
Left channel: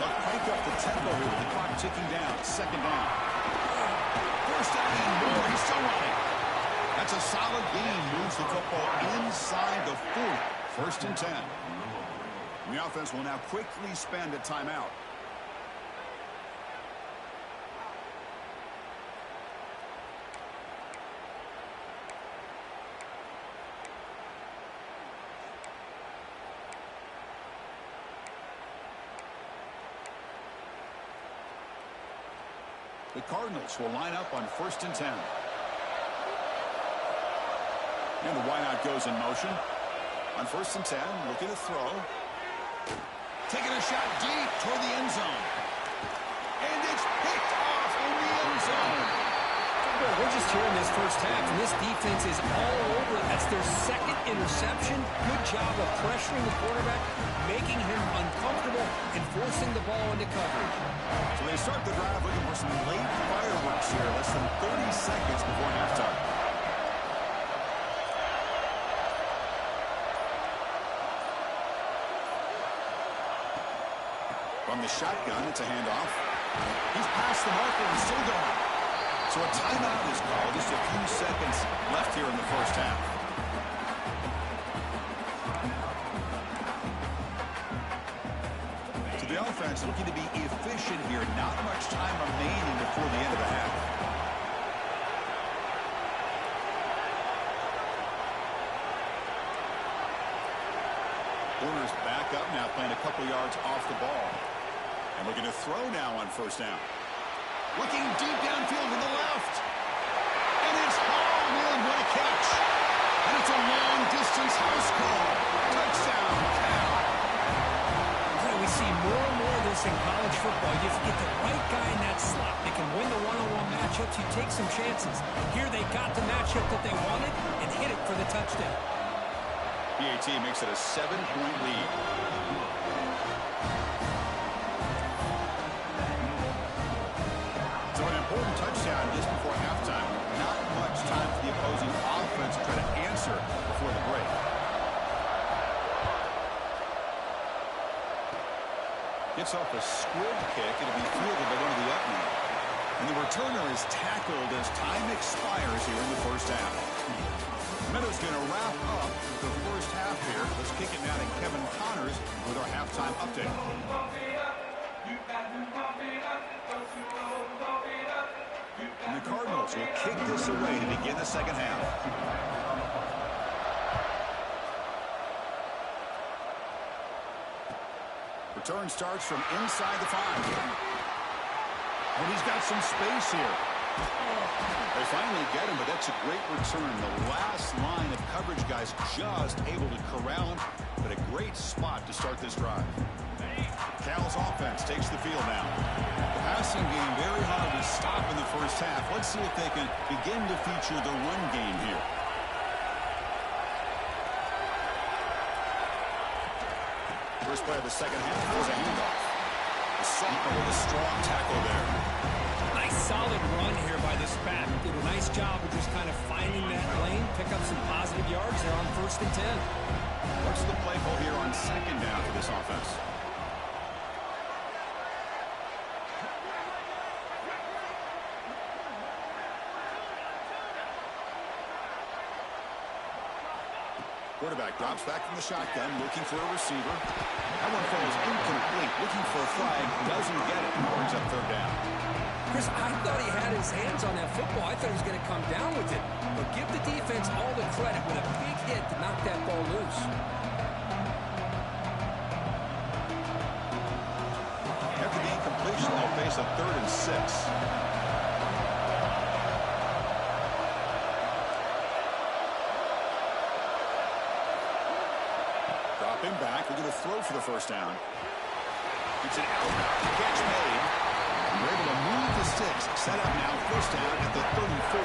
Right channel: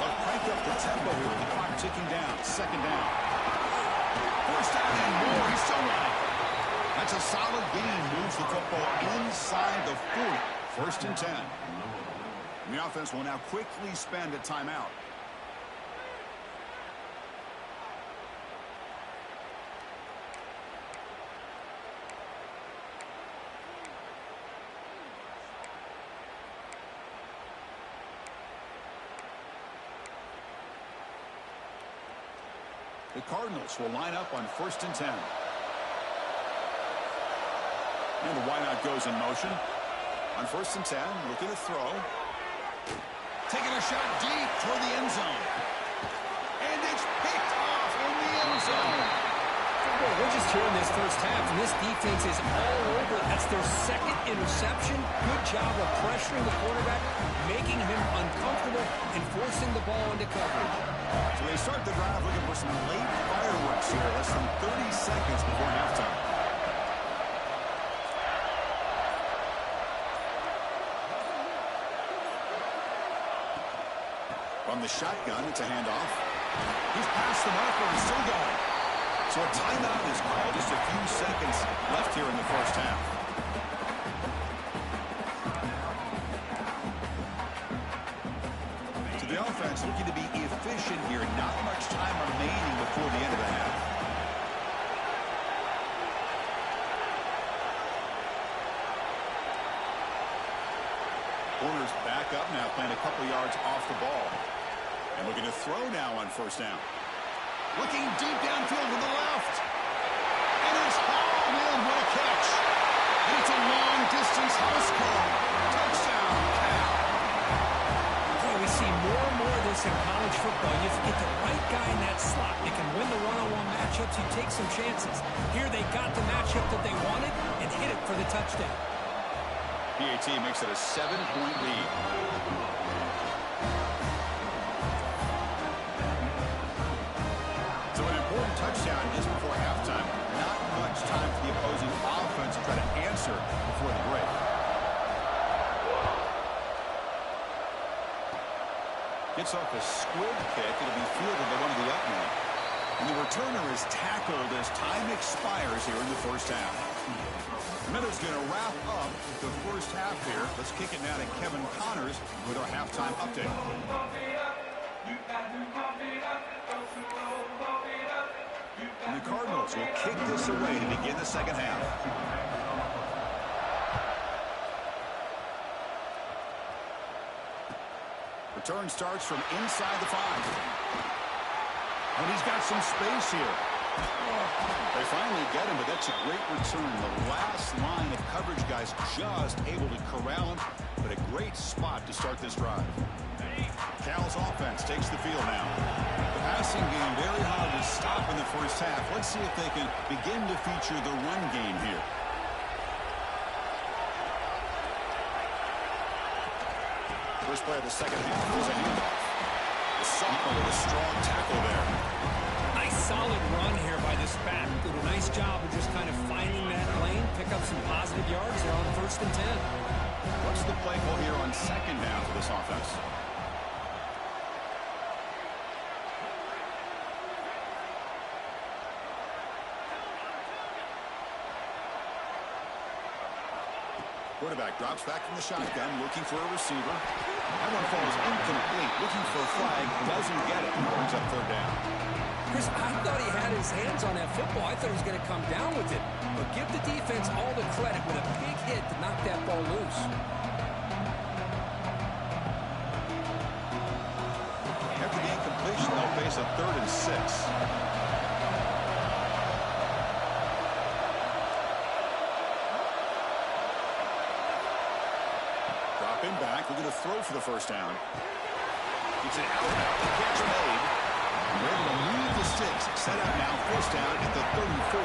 They'll crank up the tempo here with the clock ticking down. Second down. First down and more. He's still running. That's a solid gain. Moves the football inside the 40. First and 10. The offense will now quickly spend a timeout. The Cardinals will line up on first and 10. And the wideout goes in motion. On first and 10, looking to throw. Taking a shot deep toward the end zone. And it's picked off in the end zone. Boy, we're just here in this first half, and this defense is all over. That's their second interception. Good job of pressuring the quarterback, making him uncomfortable, and forcing the ball into coverage. So they start the drive looking for some late fireworks here, less than 30 seconds before halftime. From the shotgun, it's a handoff. He's past the marker and still going. So a timeout is called. Just a few seconds left here in the first half. So the offense looking to be efficient here. Not much time remaining before the end of the half. Corners back up now, playing a couple yards off the ball. And looking to throw now on first down. Looking deep downfield to the left. And it's hauled in. What a catch. And it's a long-distance house call. Touchdown, Cal. Boy, we see more and more of this in college football. You get the right guy in that slot. They can win the one-on-one matchups. You take some chances. Here they got the matchup that they wanted and hit it for the touchdown. PAT makes it a 7-point lead. So an important touchdown just before halftime. Not much time for the opposing offense to try to answer before the break. Gets off a squib kick. It'll be fielded by one of the up men. And the returner is tackled as time expires here in the first half. Meadows going to wrap up the first half here. Let's kick it now to Kevin Connors with our halftime update. And the Cardinals will kick this away to begin the second half. Return starts from inside the 5. And he's got some space here. They finally get him, but that's a great return. The last line of coverage guys just able to corral him, but a great spot to start this drive. Cal's offense takes the field now. The passing game very hard to stop in the first half. Let's see if they can begin to feature the run game here. First play of the second half was a handoff. The sophomore with a strong tackle there. Nice solid run here by this back. Did a nice job of just kind of finding that lane, pick up some positive yards there on 1st and 10. What's the play call here on 2nd down for this offense? Quarterback drops back from the shotgun, looking for a receiver. That one falls incomplete, looking for a flag, doesn't get it. Brings up 3rd down. Chris, I thought he had his hands on that football. I thought he was going to come down with it. But give the defense all the credit with a big hit to knock that ball loose. After the incompletion, they'll face a 3rd and 6. Dropping back, looking to throw for the 1st down. It's an out-route, the catch made. We're able to move the sticks. Set up now, 1st down at the 34.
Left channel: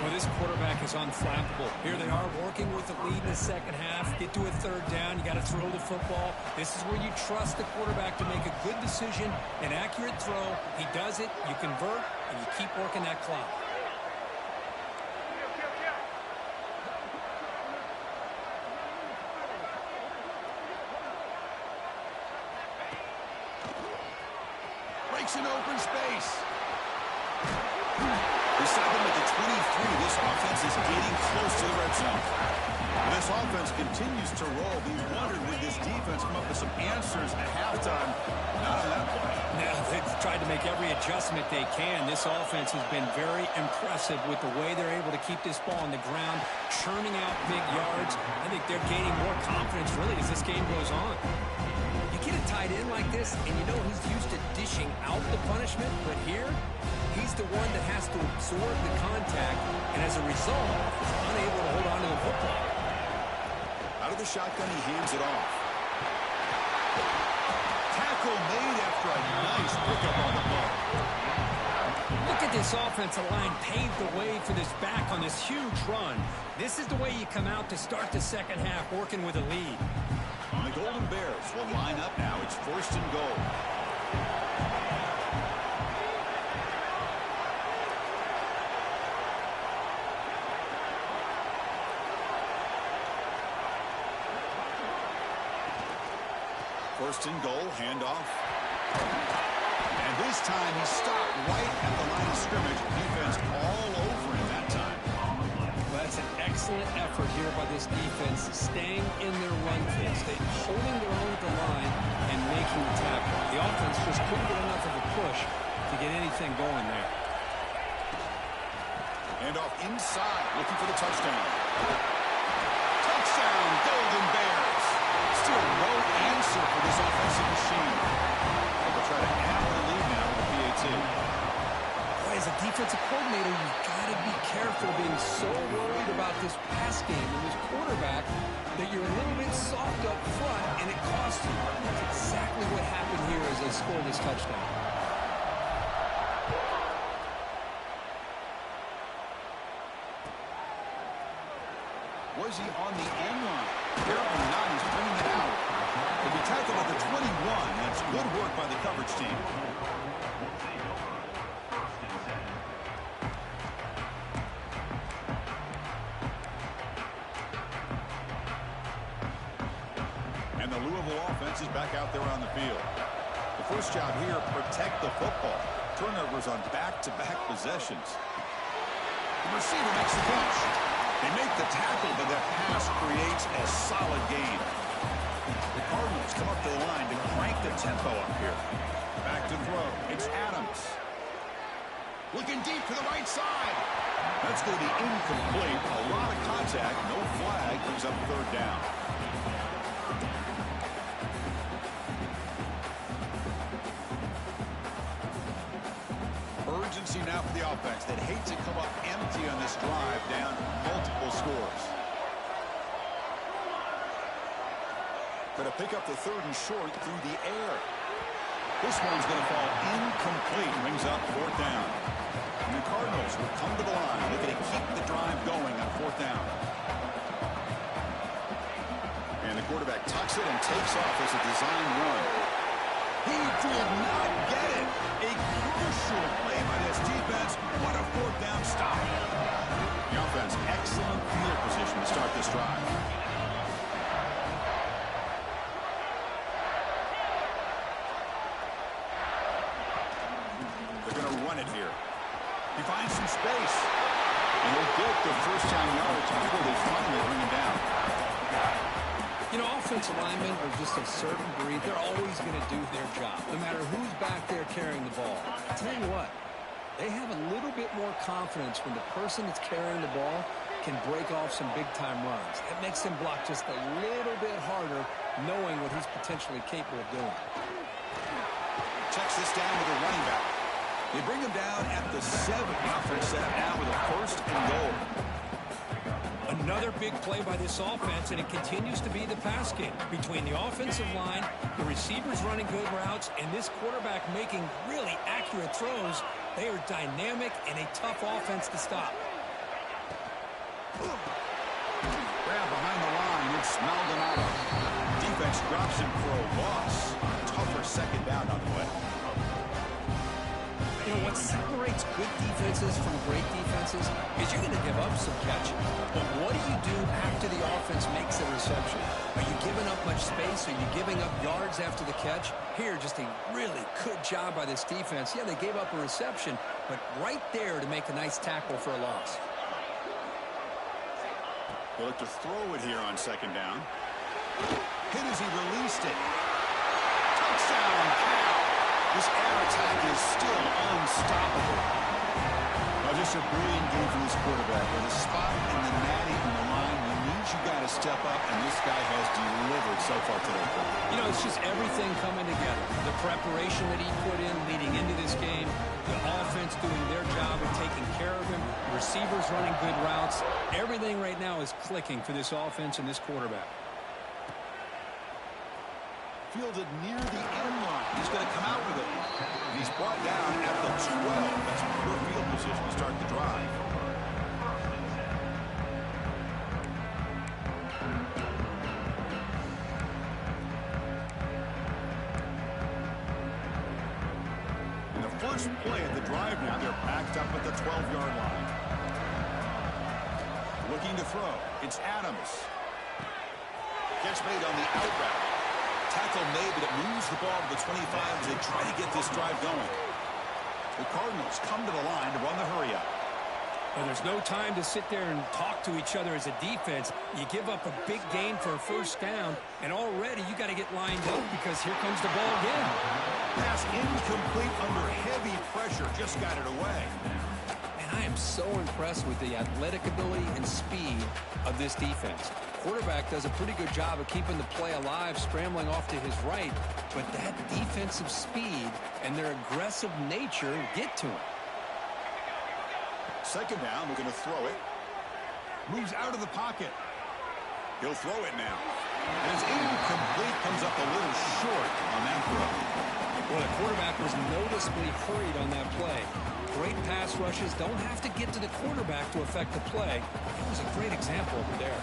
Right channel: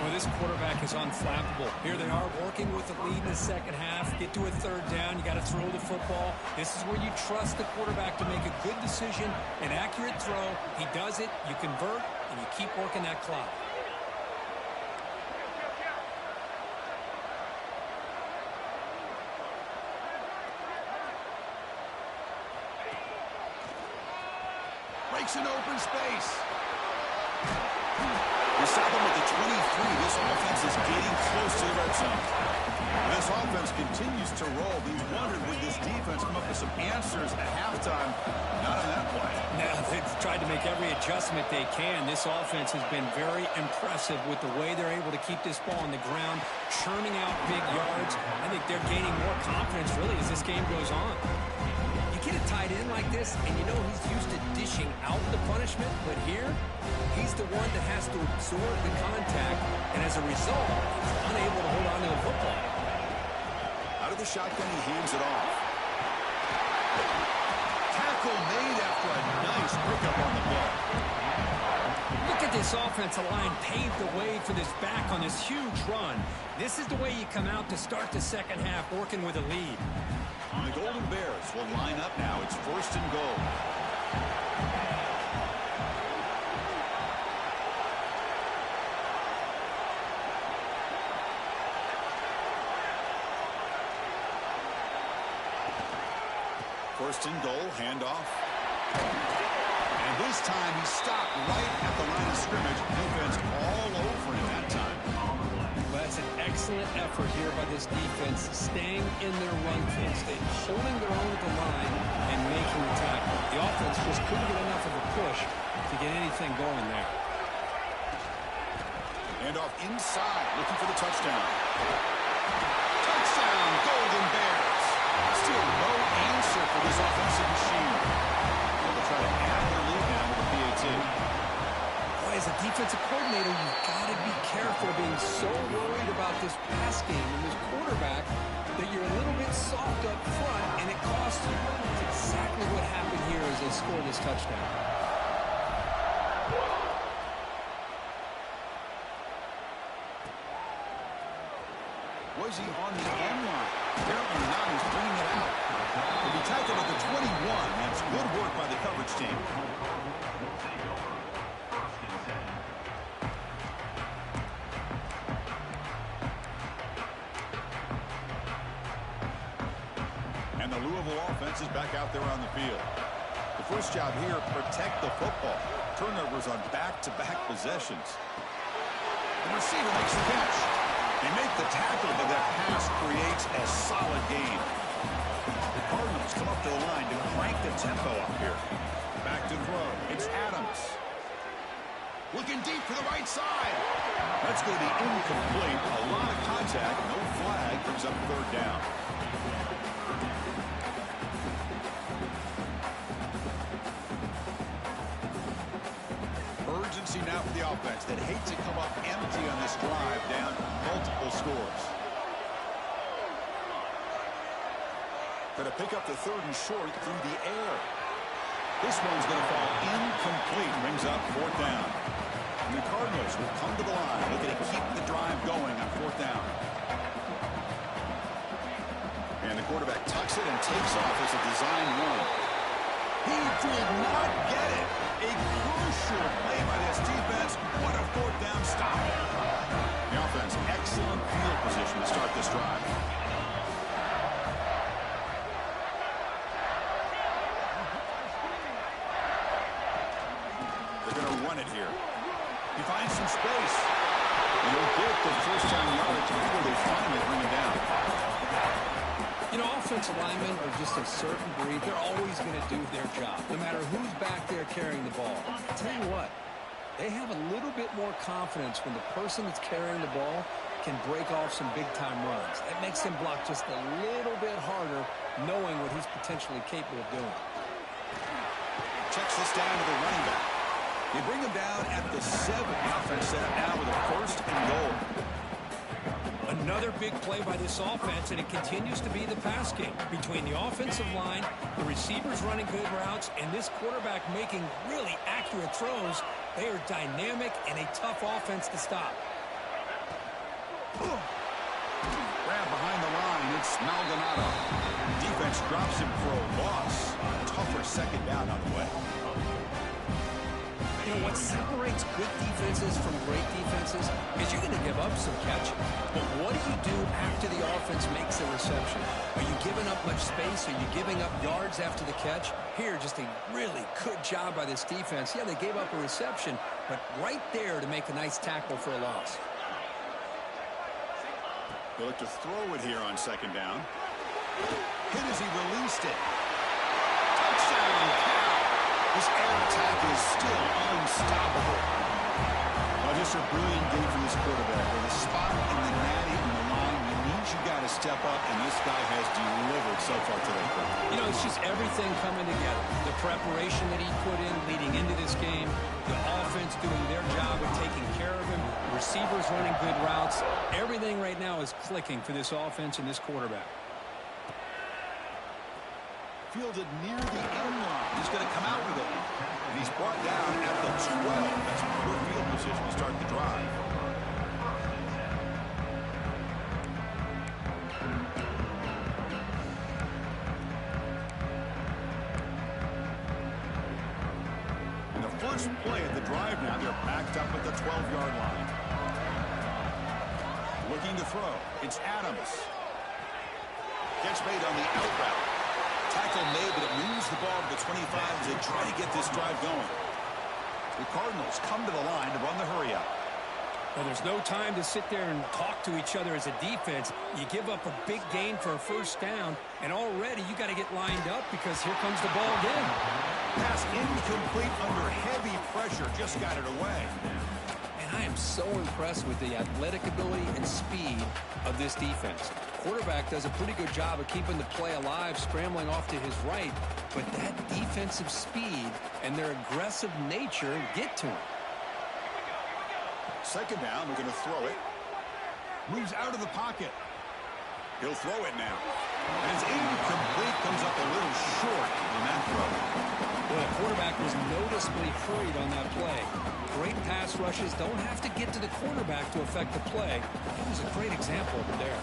Well, this quarterback is unflappable. Here they are working with the lead in the 2nd half. Get to a 3rd down. You got to throw the football. This is where you trust the quarterback to make a good decision, an accurate throw. He does it, you convert, and you keep working that clock. Breaks an open space. They stop him at the 23. This offense is getting close to the red zone. This offense continues to roll. We wondered, would this defense come up with some answers at halftime? Not on that play. No, they've tried to make every adjustment they can. This offense has been very impressive with the way they're able to keep this ball on the ground, churning out big yards. I think they're gaining more confidence, really, as this game goes on. Get a tight end like this, and you know he's used to dishing out the punishment, but here, he's the one that has to absorb the contact, and as a result, he's unable to hold on to the football. Out of the shotgun, he hands it off. Tackle made after a nice pickup on the play. Look at this offensive line paved the way for this back on this huge run. This is the way you come out to start the 2nd half, working with a lead. The Golden Bears will line up now. It's 1st and goal. First and goal, handoff. And this time he stopped right at the line of scrimmage. Defense all over him that time. Well, that's an excellent effort here by this defense, staying in their run phase, holding their own at the line and making the tackle. The offense just couldn't get enough of a push to get anything going there. Handoff inside, looking for the touchdown. Touchdown, Golden Bears. Still no answer for this offensive machine. They'll try to add to the lead now with the PAT. Boy, as a defensive coordinator, you've got to be careful being so worried about this pass game and this quarterback that you're a little bit soft up front, and it costs you. It's exactly what happened here as they scored this touchdown. Was he on the end line? Apparently not. He's bringing it out. He'll be tackled at the 21. That's good work by the coverage team. And the Louisville offense is back out there on the field. The first job here, protect the football. Turnovers on back-to-back possessions. The receiver makes the catch. They make the tackle, but that pass creates a solid gain. The Cardinals come up to the line to crank the tempo up here. Back to throw. It's Adams. Looking deep to the right side. That's going to be incomplete. A lot of contact. No flag. Brings up 3rd down. Urgency now for the offense that hate to come up empty on this drive, down multiple scores. Going to pick up the 3rd and short through the air. This one's going to fall incomplete. Brings up 4th down. And the Cardinals will come to the line, looking to keep the drive going on 4th down. And the quarterback tucks it and takes off as a design run. He did not get it. A crucial play by this defense. What a 4th down stop. The offense, excellent field position to start this drive. They're going to run it here. He finds some space. And he'll get the first down yardage before they finally bring him down. You know, offensive linemen are just a certain breed. They're always going to do their job, no matter who's back there carrying the ball. I tell you what, they have a little bit more confidence when the person that's carrying the ball can break off some big-time runs. That makes him block just a little bit harder, knowing what he's potentially capable of doing. Checks this down to the running back. They bring him down at the 7. The offense set up now with a first and goal. Another big play by this offense, and it continues to be the pass game. Between the offensive line, the receivers running good routes, and this quarterback making really accurate throws, they are dynamic and a tough offense to stop. Grab behind the line. It's Maldonado. Defense drops him for a loss. Tougher second down on the way. You know, what separates good defenses from great defenses is you're going to give up some catches. But what do you do after the offense makes a reception? Are you giving up much space? Are you giving up yards after the catch? Here, just a really good job by this defense. Yeah, they gave up a reception, but right there to make a nice tackle for a loss. He'll look to throw it here on second down. Hit as he released it. Touchdown, Cal. This air attack is still unstoppable. Well, just a brilliant game from this quarterback. With a spot in the natty and the line, you got to step up, and this guy has delivered so far today. You know, it's just everything coming together. The preparation that he put in leading into this game, the offense doing their job of taking care of him, receivers running good routes. Everything right now is clicking for this offense and this quarterback. Fielded near the end line. He's going to come out with it. And he's brought down at the 12. That's poor field position to start the drive. And the first play of the drive now, they're backed up at the 12-yard line. Looking to throw. It's Adams. Catch made on the out route. Tackle made, but it moves the ball to the 25 as they try to get this drive going. The Cardinals come to the line to run the hurry up. Well, there's no time to sit there and talk to each other as a defense. You give up a big gain for a first down, and already you got to get lined up because here comes the ball again. Pass incomplete under heavy pressure. Just got it away. And I am so impressed with the athletic ability and speed of this defense. Quarterback does a pretty good job of keeping the play alive, scrambling off to his right, but that defensive speed and their aggressive nature get to him. Second down, we're going to throw it. Moves out of the pocket. He'll throw it now. And it's incomplete, comes up a little short on that throw. Well, the quarterback was noticeably hurried on that play. Great pass rushes don't have to get to the quarterback to affect the play. It was a great example over there.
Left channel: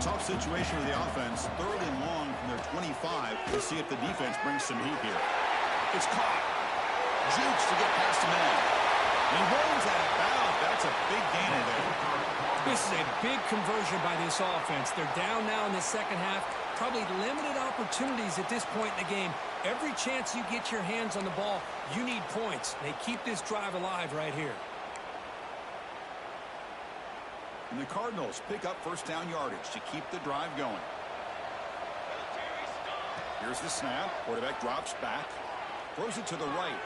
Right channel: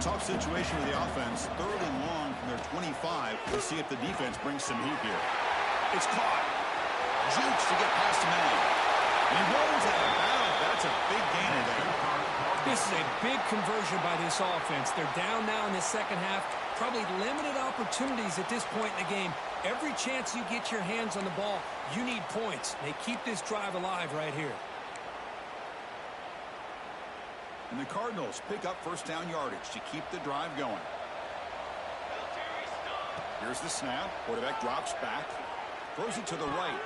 Tough situation with the offense. Third and long from their 25. We'll see if the defense brings some heat here. It's caught. Jukes to get past a man. And he rolls out of bounds. That's a big gainer there. This is a big conversion by this offense. They're down now in the second half. Probably limited opportunities at this point in the game. Every chance you get your hands on the ball, you need points. They keep this drive alive right here. And the Cardinals pick up first down yardage to keep the drive going. Here's the snap. Quarterback drops back. Throws it to the right.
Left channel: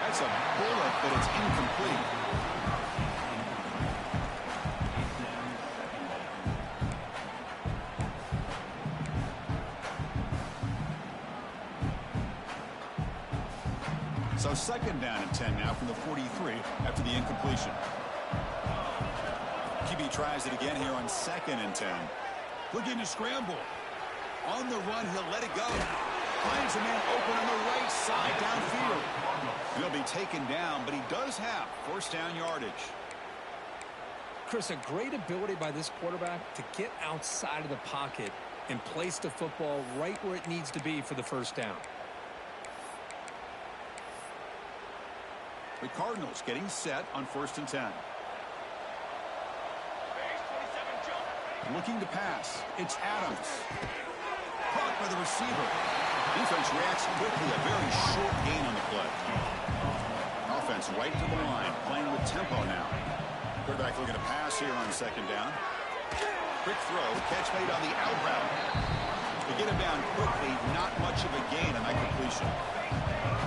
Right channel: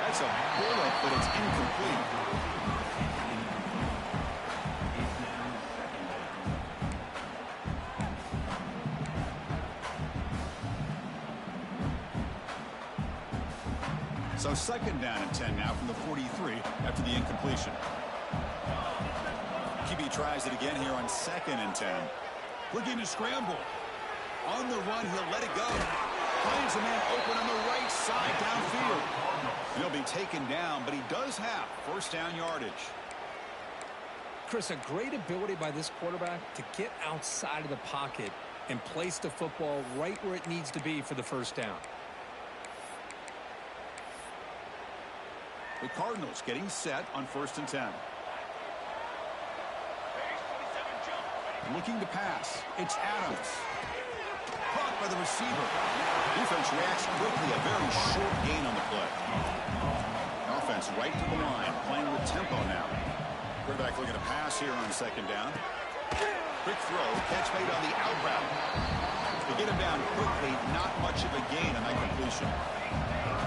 That's a bullet, but it's incomplete. So second down and 10 now from the 43 after the incompletion. QB tries it again here on second and 10. Looking to scramble. On the run, he'll let it go. Finds a man open on the right side downfield. And he'll be taken down, but he does have first down yardage. Chris, a great ability by this quarterback to get outside of the pocket and place the football right where it needs to be for the first down. The Cardinals getting set on first and 10. looking to pass. It's Adams. Caught by the receiver. Defense reacts quickly. A very short gain on the play. Offense right to the line, playing with tempo now. Quarterback looking to pass here on second down. Quick throw, catch made on the out route. To get him down quickly, not much of a gain on that completion.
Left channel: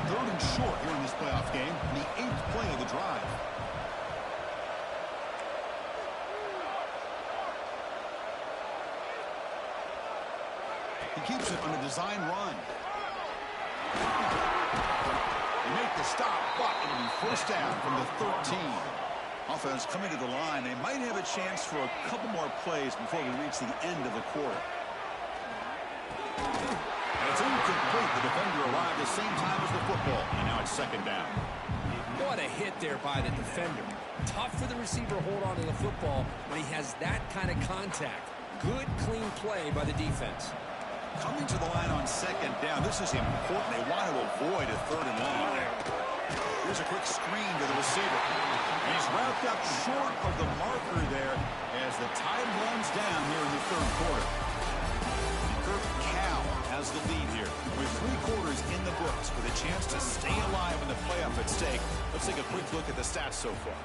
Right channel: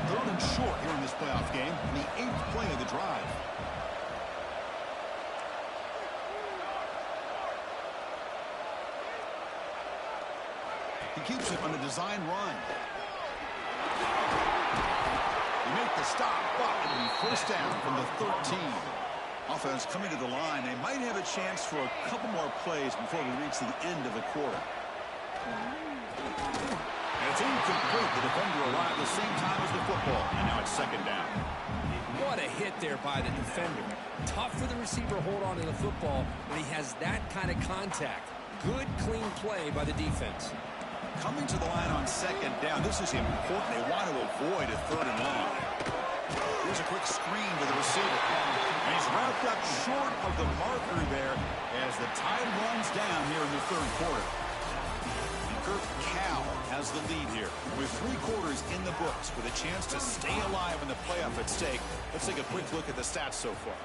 Third and short here in this playoff game, the 8th play of the drive. He keeps it on a design run. They make the stop, but it'll be first down from the 13. Offense coming to the line. They might have a chance for a couple more plays before we reach the end of the quarter. And it's incomplete. The defender arrived the same time as the football, and now it's second down. What a hit there by the defender. Tough for the receiver to hold on to the football when he has that kind of contact. Good, clean play by the defense. Coming to the line on second down. This is important. They want to avoid a third and long. Here's a quick screen to the receiver. And he's wrapped up short of the marker there as the time runs down here in the third quarter. Kirk Cal has the lead here with 3 quarters in the books with a chance to stay alive in the playoff at stake. Let's take a quick look at the stats so far.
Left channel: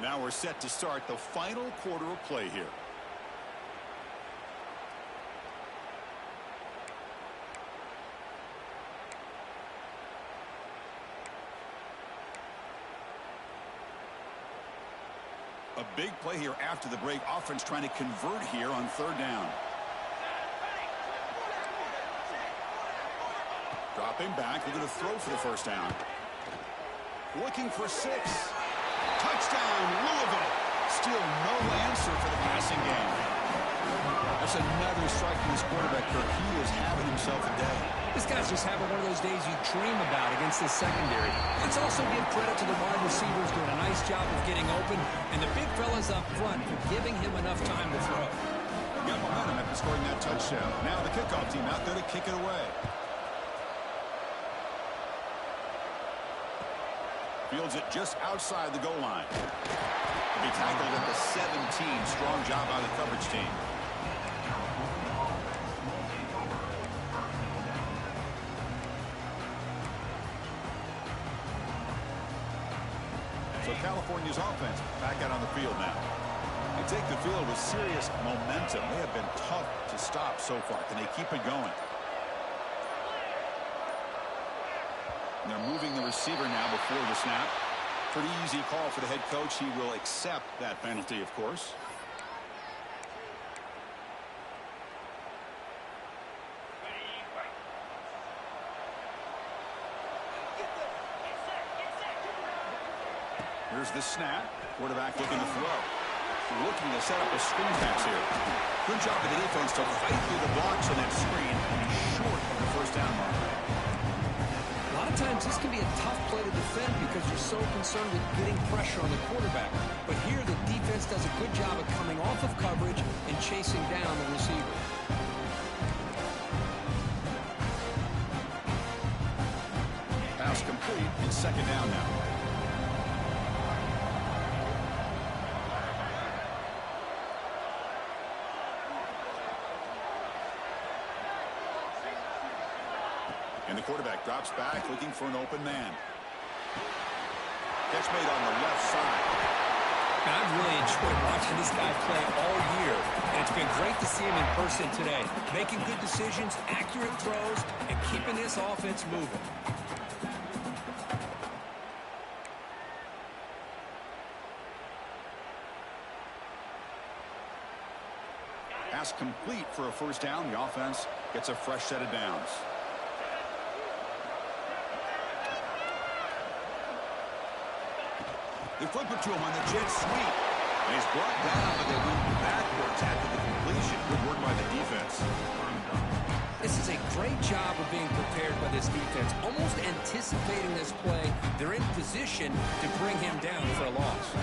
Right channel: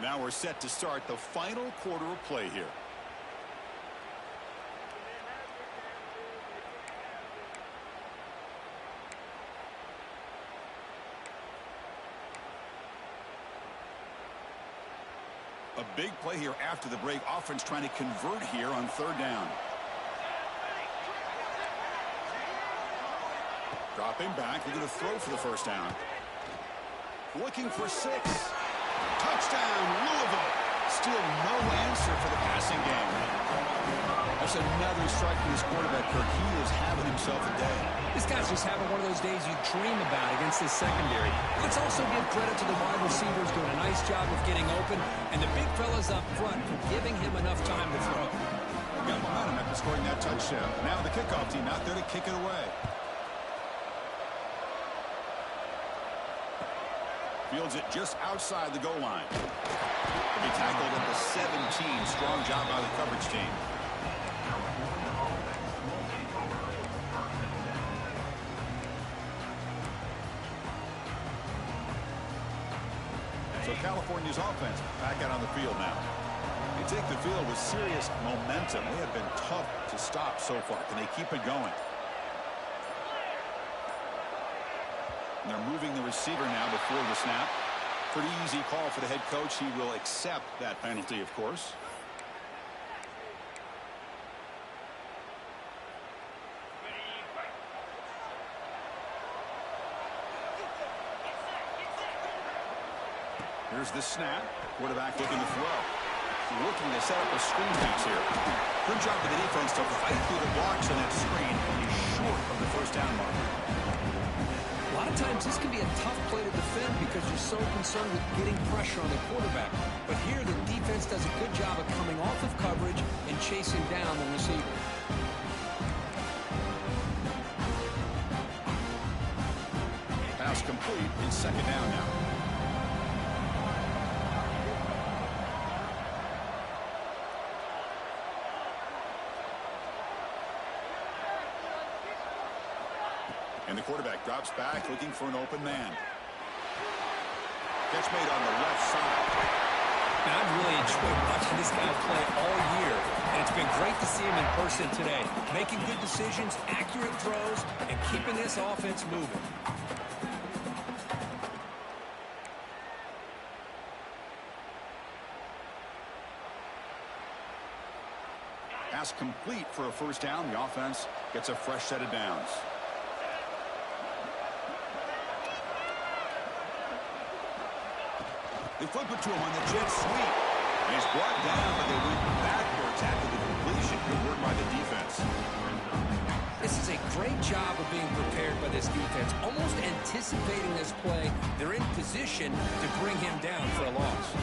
Now we're set to start the final quarter of play here. A big play here after the break. Offense trying to convert here on third down. Dropping back, looking to throw for the first down. Looking for 6. Touchdown, Louisville. Still no answer for the passing game. That's another strike from this quarterback, Kirk. He is having himself a day. This guy's just having one of those days you dream about against this secondary. Let's also give credit to the wide receivers doing a nice job of getting open, and the big fellas up front for giving him enough time to throw. Got momentum after scoring that touchdown. Now the kickoff team out there to kick it away. Fields it just outside the goal line. He'll be tackled at the 17. Strong job by the coverage team. So California's offense back out on the field now. They take the field with serious momentum. They have been tough to stop so far. Can they keep it going? And they're moving the receiver now before the snap. Pretty easy call for the head coach. He will accept that penalty, of course. Here's the snap. Quarterback looking to throw. Looking to set up a screen pass here. Good job of the defense to fight through the blocks on that screen. He's short of the first down marker. A lot of times this can be a tough play to defend because you're so concerned with getting pressure on the quarterback. But here the defense does a good job of coming off of coverage and chasing down the receiver. Pass complete in second down now. And the quarterback drops back, looking for an open man. Catch made on the left side. And I've really enjoyed watching this guy play all year. And it's been great to see him in person today. Making good decisions, accurate throws, and keeping this offense moving. Pass complete for a first down. The offense gets a fresh set of downs. They flip it to him on the jet sweep. And he's brought down, but they went backwards after the completion. Good work by the defense. This is a great job of being prepared by this defense. Almost anticipating this play, they're in position to bring him down for a loss.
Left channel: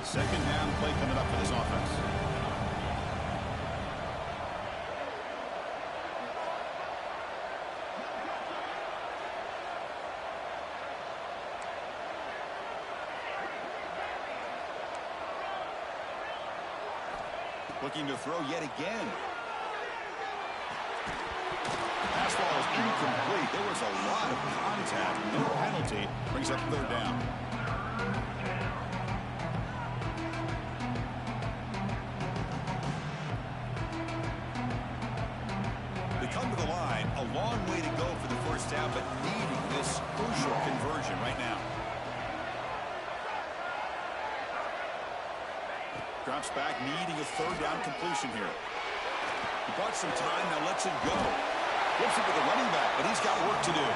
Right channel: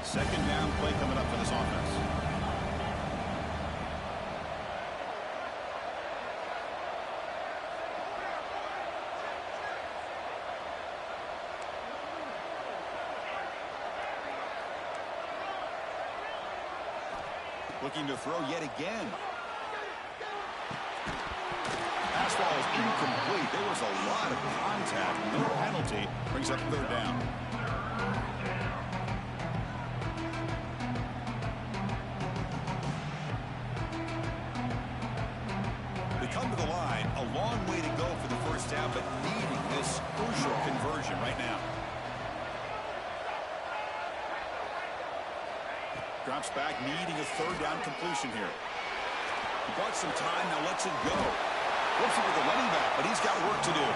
Second down play coming up for this offense. Looking to throw yet again. Pass ball is incomplete. There was a lot of contact. No penalty. Brings up third down. They come to the line. A long way to go for the first down, but needing this crucial conversion right now. Drops back, needing a third down completion here. He bought some time, now lets it go. Flips it with the running back, but he's got work to do.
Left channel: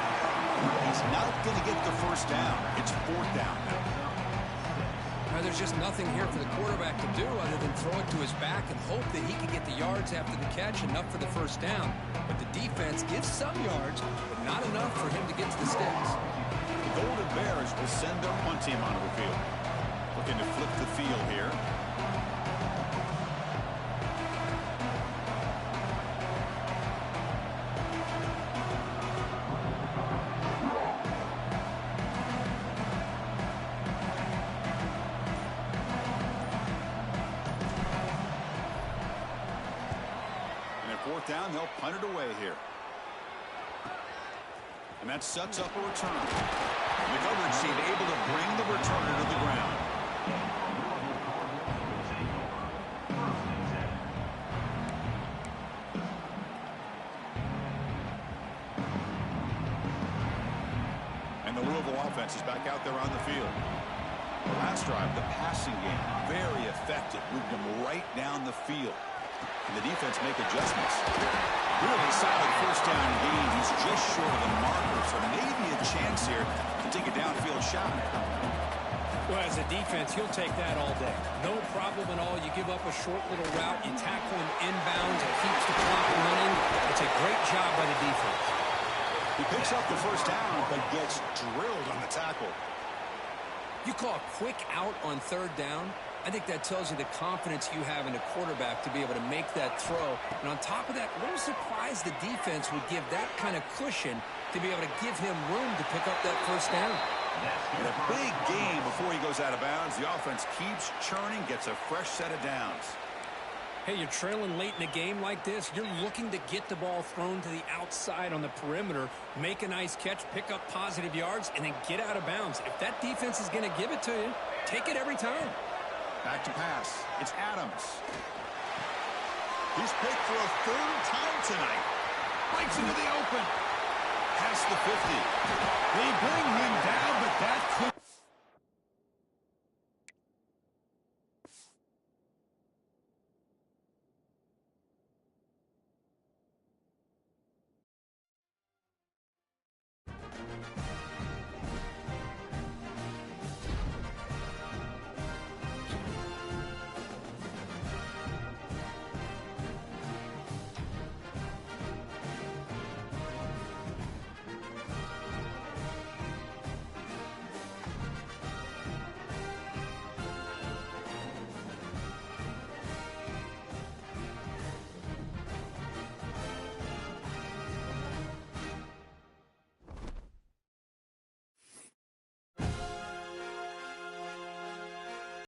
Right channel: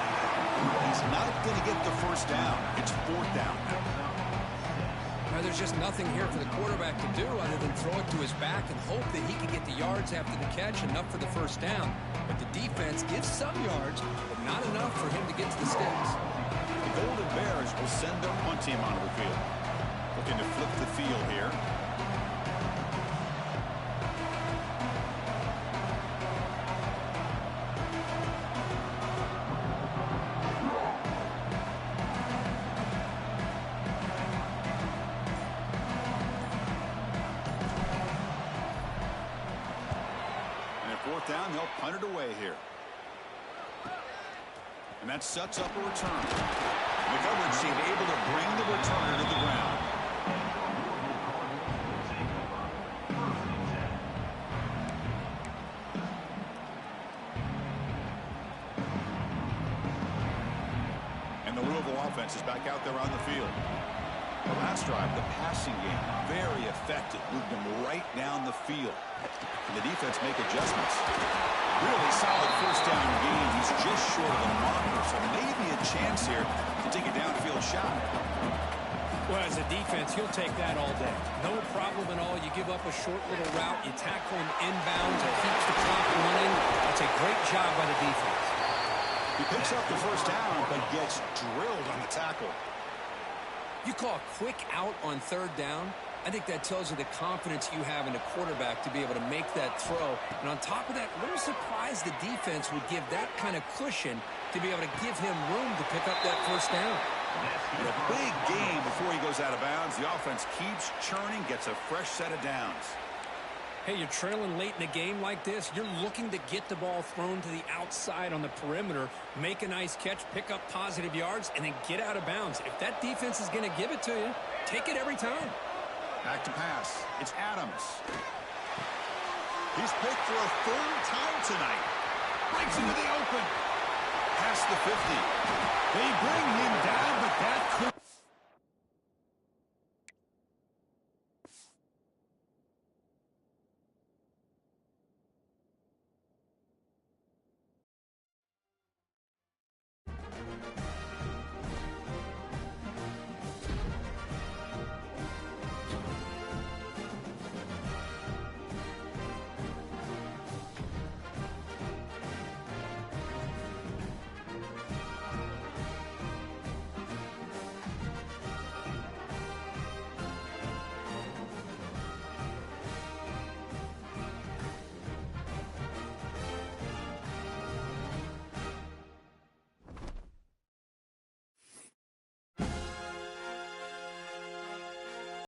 He's not going to get the first down. It's fourth down. Now, there's just nothing here for the quarterback to do other than throw it to his back and hope that he can get the yards after the catch, enough for the first down. But the defense gives some yards, but not enough for him to get to the sticks. The Golden Bears will send their punt team onto the field. Looking to flip the field here. Fourth down, they'll punt it away here. And that sets up a return. The coverage team able to bring the returner to the ground. And the Louisville offense is back out there on the field. The last drive, the passing game, very effective. Moved them right down the field. And the defense make adjustments. Really solid first down gain. He's just short of the marker, so maybe a chance here to take a downfield shot. Well, as a defense, he'll take that all day. No problem at all. You give up a short little route, you tackle him inbounds, it keeps the clock running. That's a great job by the defense. He picks up the first down, but gets drilled on the tackle. You call a quick out on third down. I think that tells you the confidence you have in a quarterback to be able to make that throw. And on top of that, a little surprised the defense would give that kind of cushion to be able to give him room to pick up that first down. In a big game before he goes out of bounds, the offense keeps churning, gets a fresh set of downs. Hey, you're trailing late in a game like this. You're looking to get the ball thrown to the outside on the perimeter, make a nice catch, pick up positive yards, and then get out of bounds. If that defense is going to give it to you, take it every time. Back to pass. It's Adams. He's picked for a third time tonight. Breaks into the open. Past the 50. They bring him down, but that could...